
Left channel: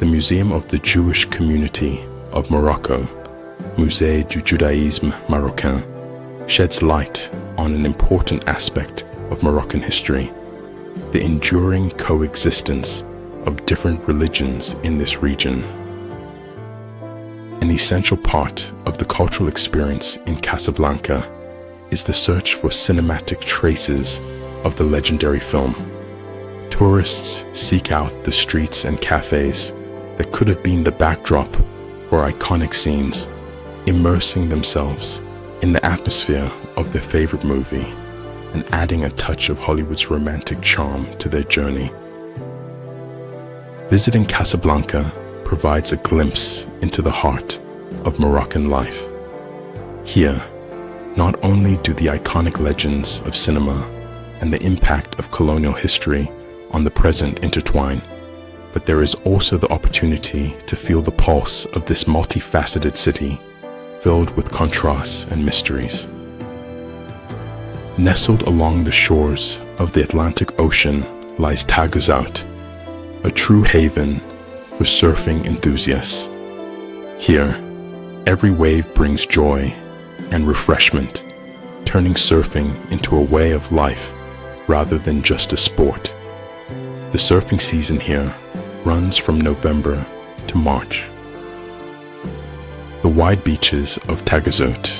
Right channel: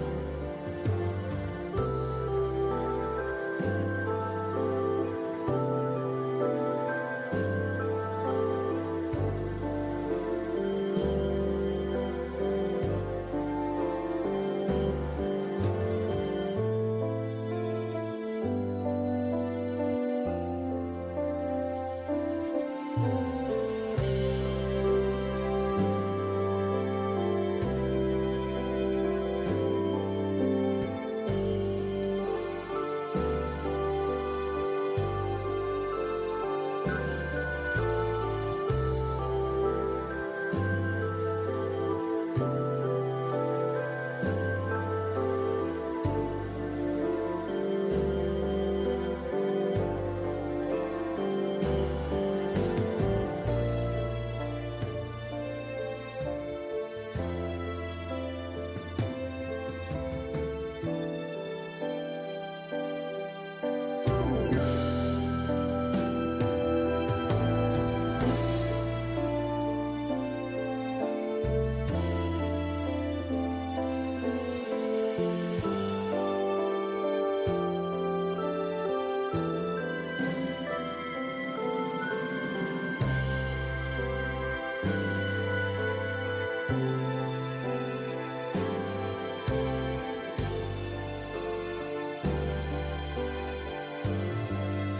the Museum of the Jewish Community of Morocco, Musée du Judaïsme Marocain, sheds light on an important aspect of Moroccan history, the enduring coexistence of different religions in this region. An essential part of the cultural experience in Casablanca is the search for cinematic traces of the legendary film. Tourists seek out the streets and cafes that could have been the backdrop for iconic scenes, immersing themselves in the atmosphere of their favorite movie. and adding a touch of Hollywood's romantic charm to their journey. Visiting Casablanca provides a glimpse into the heart of Moroccan life. Here, not only do the iconic legends of cinema and the impact of colonial history on the present intertwine, but there is also the opportunity to feel the pulse of this multifaceted city filled with contrasts and mysteries. Nestled along the shores of the Atlantic Ocean lies Taghazout, a true haven for surfing enthusiasts. Here, every wave brings joy and refreshment, turning surfing into a way of life rather than just a sport. The surfing season here runs from November to March. The wide beaches of Taghazout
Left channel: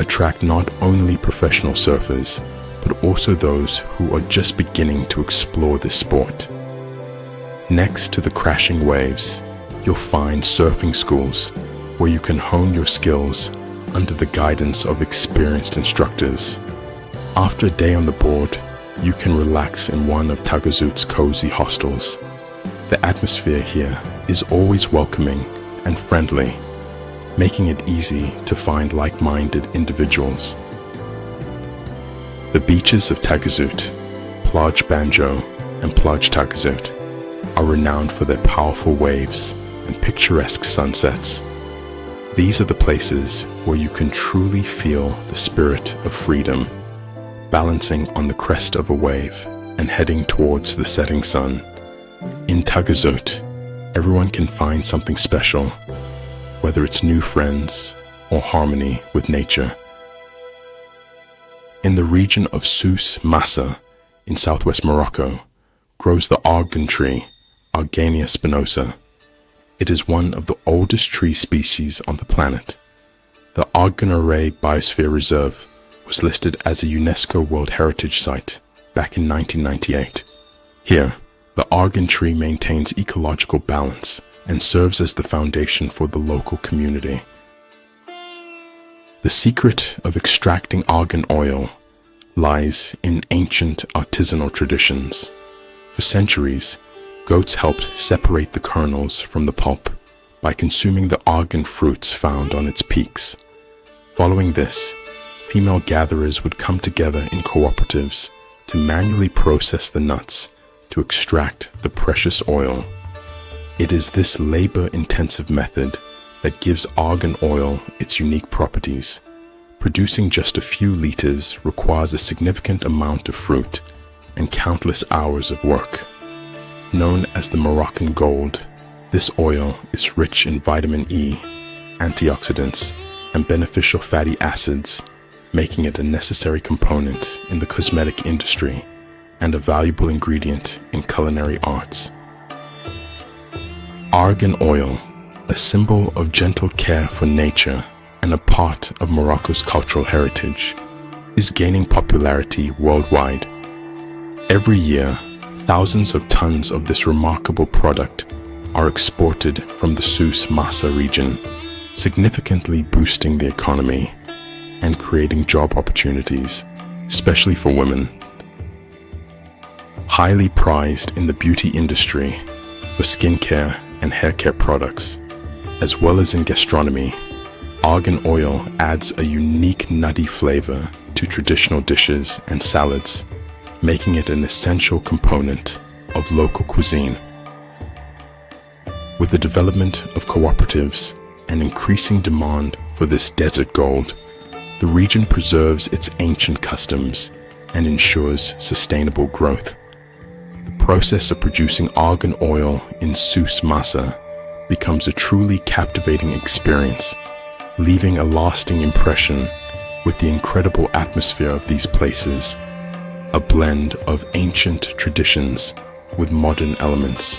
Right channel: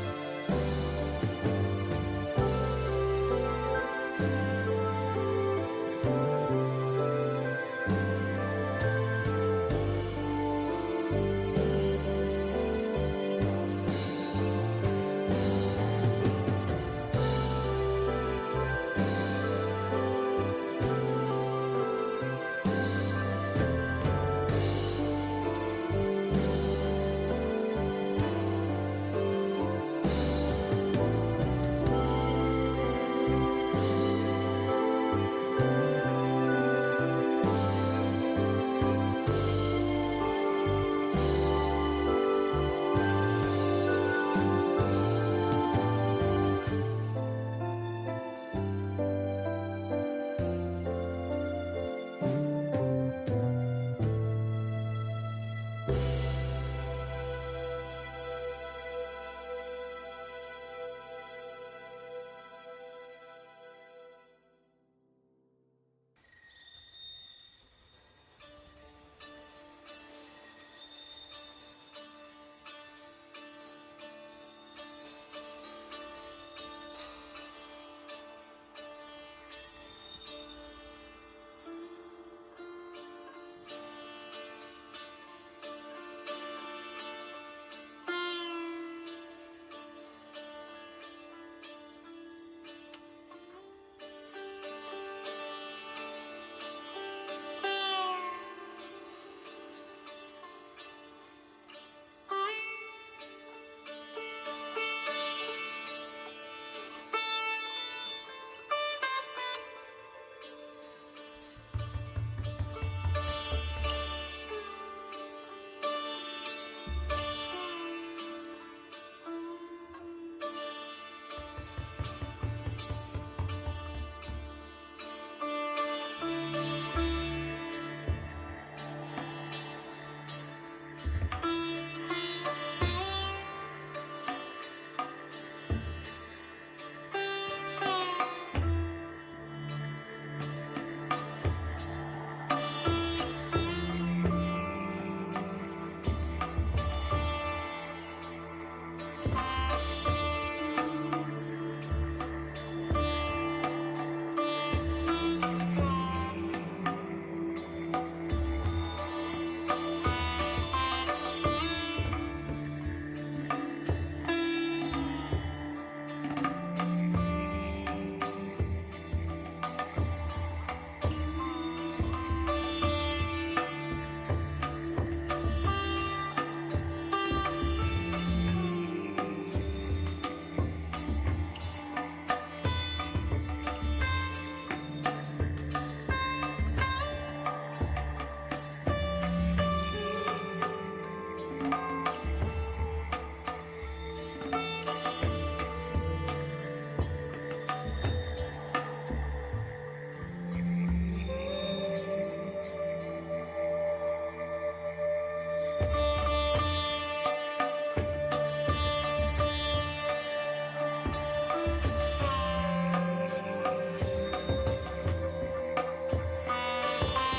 attract not only professional surfers, but also those who are just beginning to explore this sport. Next to the crashing waves, you'll find surfing schools where you can hone your skills under the guidance of experienced instructors. After a day on the board, you can relax in one of Taghazout's cozy hostels. The atmosphere here is always welcoming and friendly, making it easy to find like-minded individuals. The beaches of Taghazout, Plage Banjo and Plage Taghazout, are renowned for their powerful waves and picturesque sunsets. These are the places where you can truly feel the spirit of freedom, balancing on the crest of a wave and heading towards the setting sun. In Taghazout, everyone can find something special, whether it's new friends or harmony with nature. In the region of Souss Massa in southwest Morocco grows the argan tree, Argania spinosa. It is one of the oldest tree species on the planet. The Argan Biosphere Reserve was listed as a UNESCO World Heritage Site back in 1998. Here, the argan tree maintains ecological balance and serves as the foundation for the local community. The secret of extracting argan oil lies in ancient artisanal traditions. For centuries, goats helped separate the kernels from the pulp by consuming the argan fruits found on its peaks. Following this, female gatherers would come together in cooperatives to manually process the nuts to extract the precious oil. It is this labor-intensive method that gives argan oil its unique properties. Producing just a few liters requires a significant amount of fruit and countless hours of work. Known as the Moroccan gold, this oil is rich in vitamin E, antioxidants, and beneficial fatty acids, making it a necessary component in the cosmetic industry and a valuable ingredient in culinary arts. Argan oil, a symbol of gentle care for nature and a part of Morocco's cultural heritage, is gaining popularity worldwide. Every year, thousands of tons of this remarkable product are exported from the Souss Massa region, significantly boosting the economy and creating job opportunities, especially for women. Highly prized in the beauty industry for skincare and haircare products, as well as in gastronomy, argan oil adds a unique nutty flavor to traditional dishes and salads, making it an essential component of local cuisine. With the development of cooperatives and increasing demand for this desert gold, the region preserves its ancient customs and ensures sustainable growth. The process of producing argan oil in Souss Massa becomes a truly captivating experience, leaving a lasting impression with the incredible atmosphere of these places, a blend of ancient traditions with modern elements.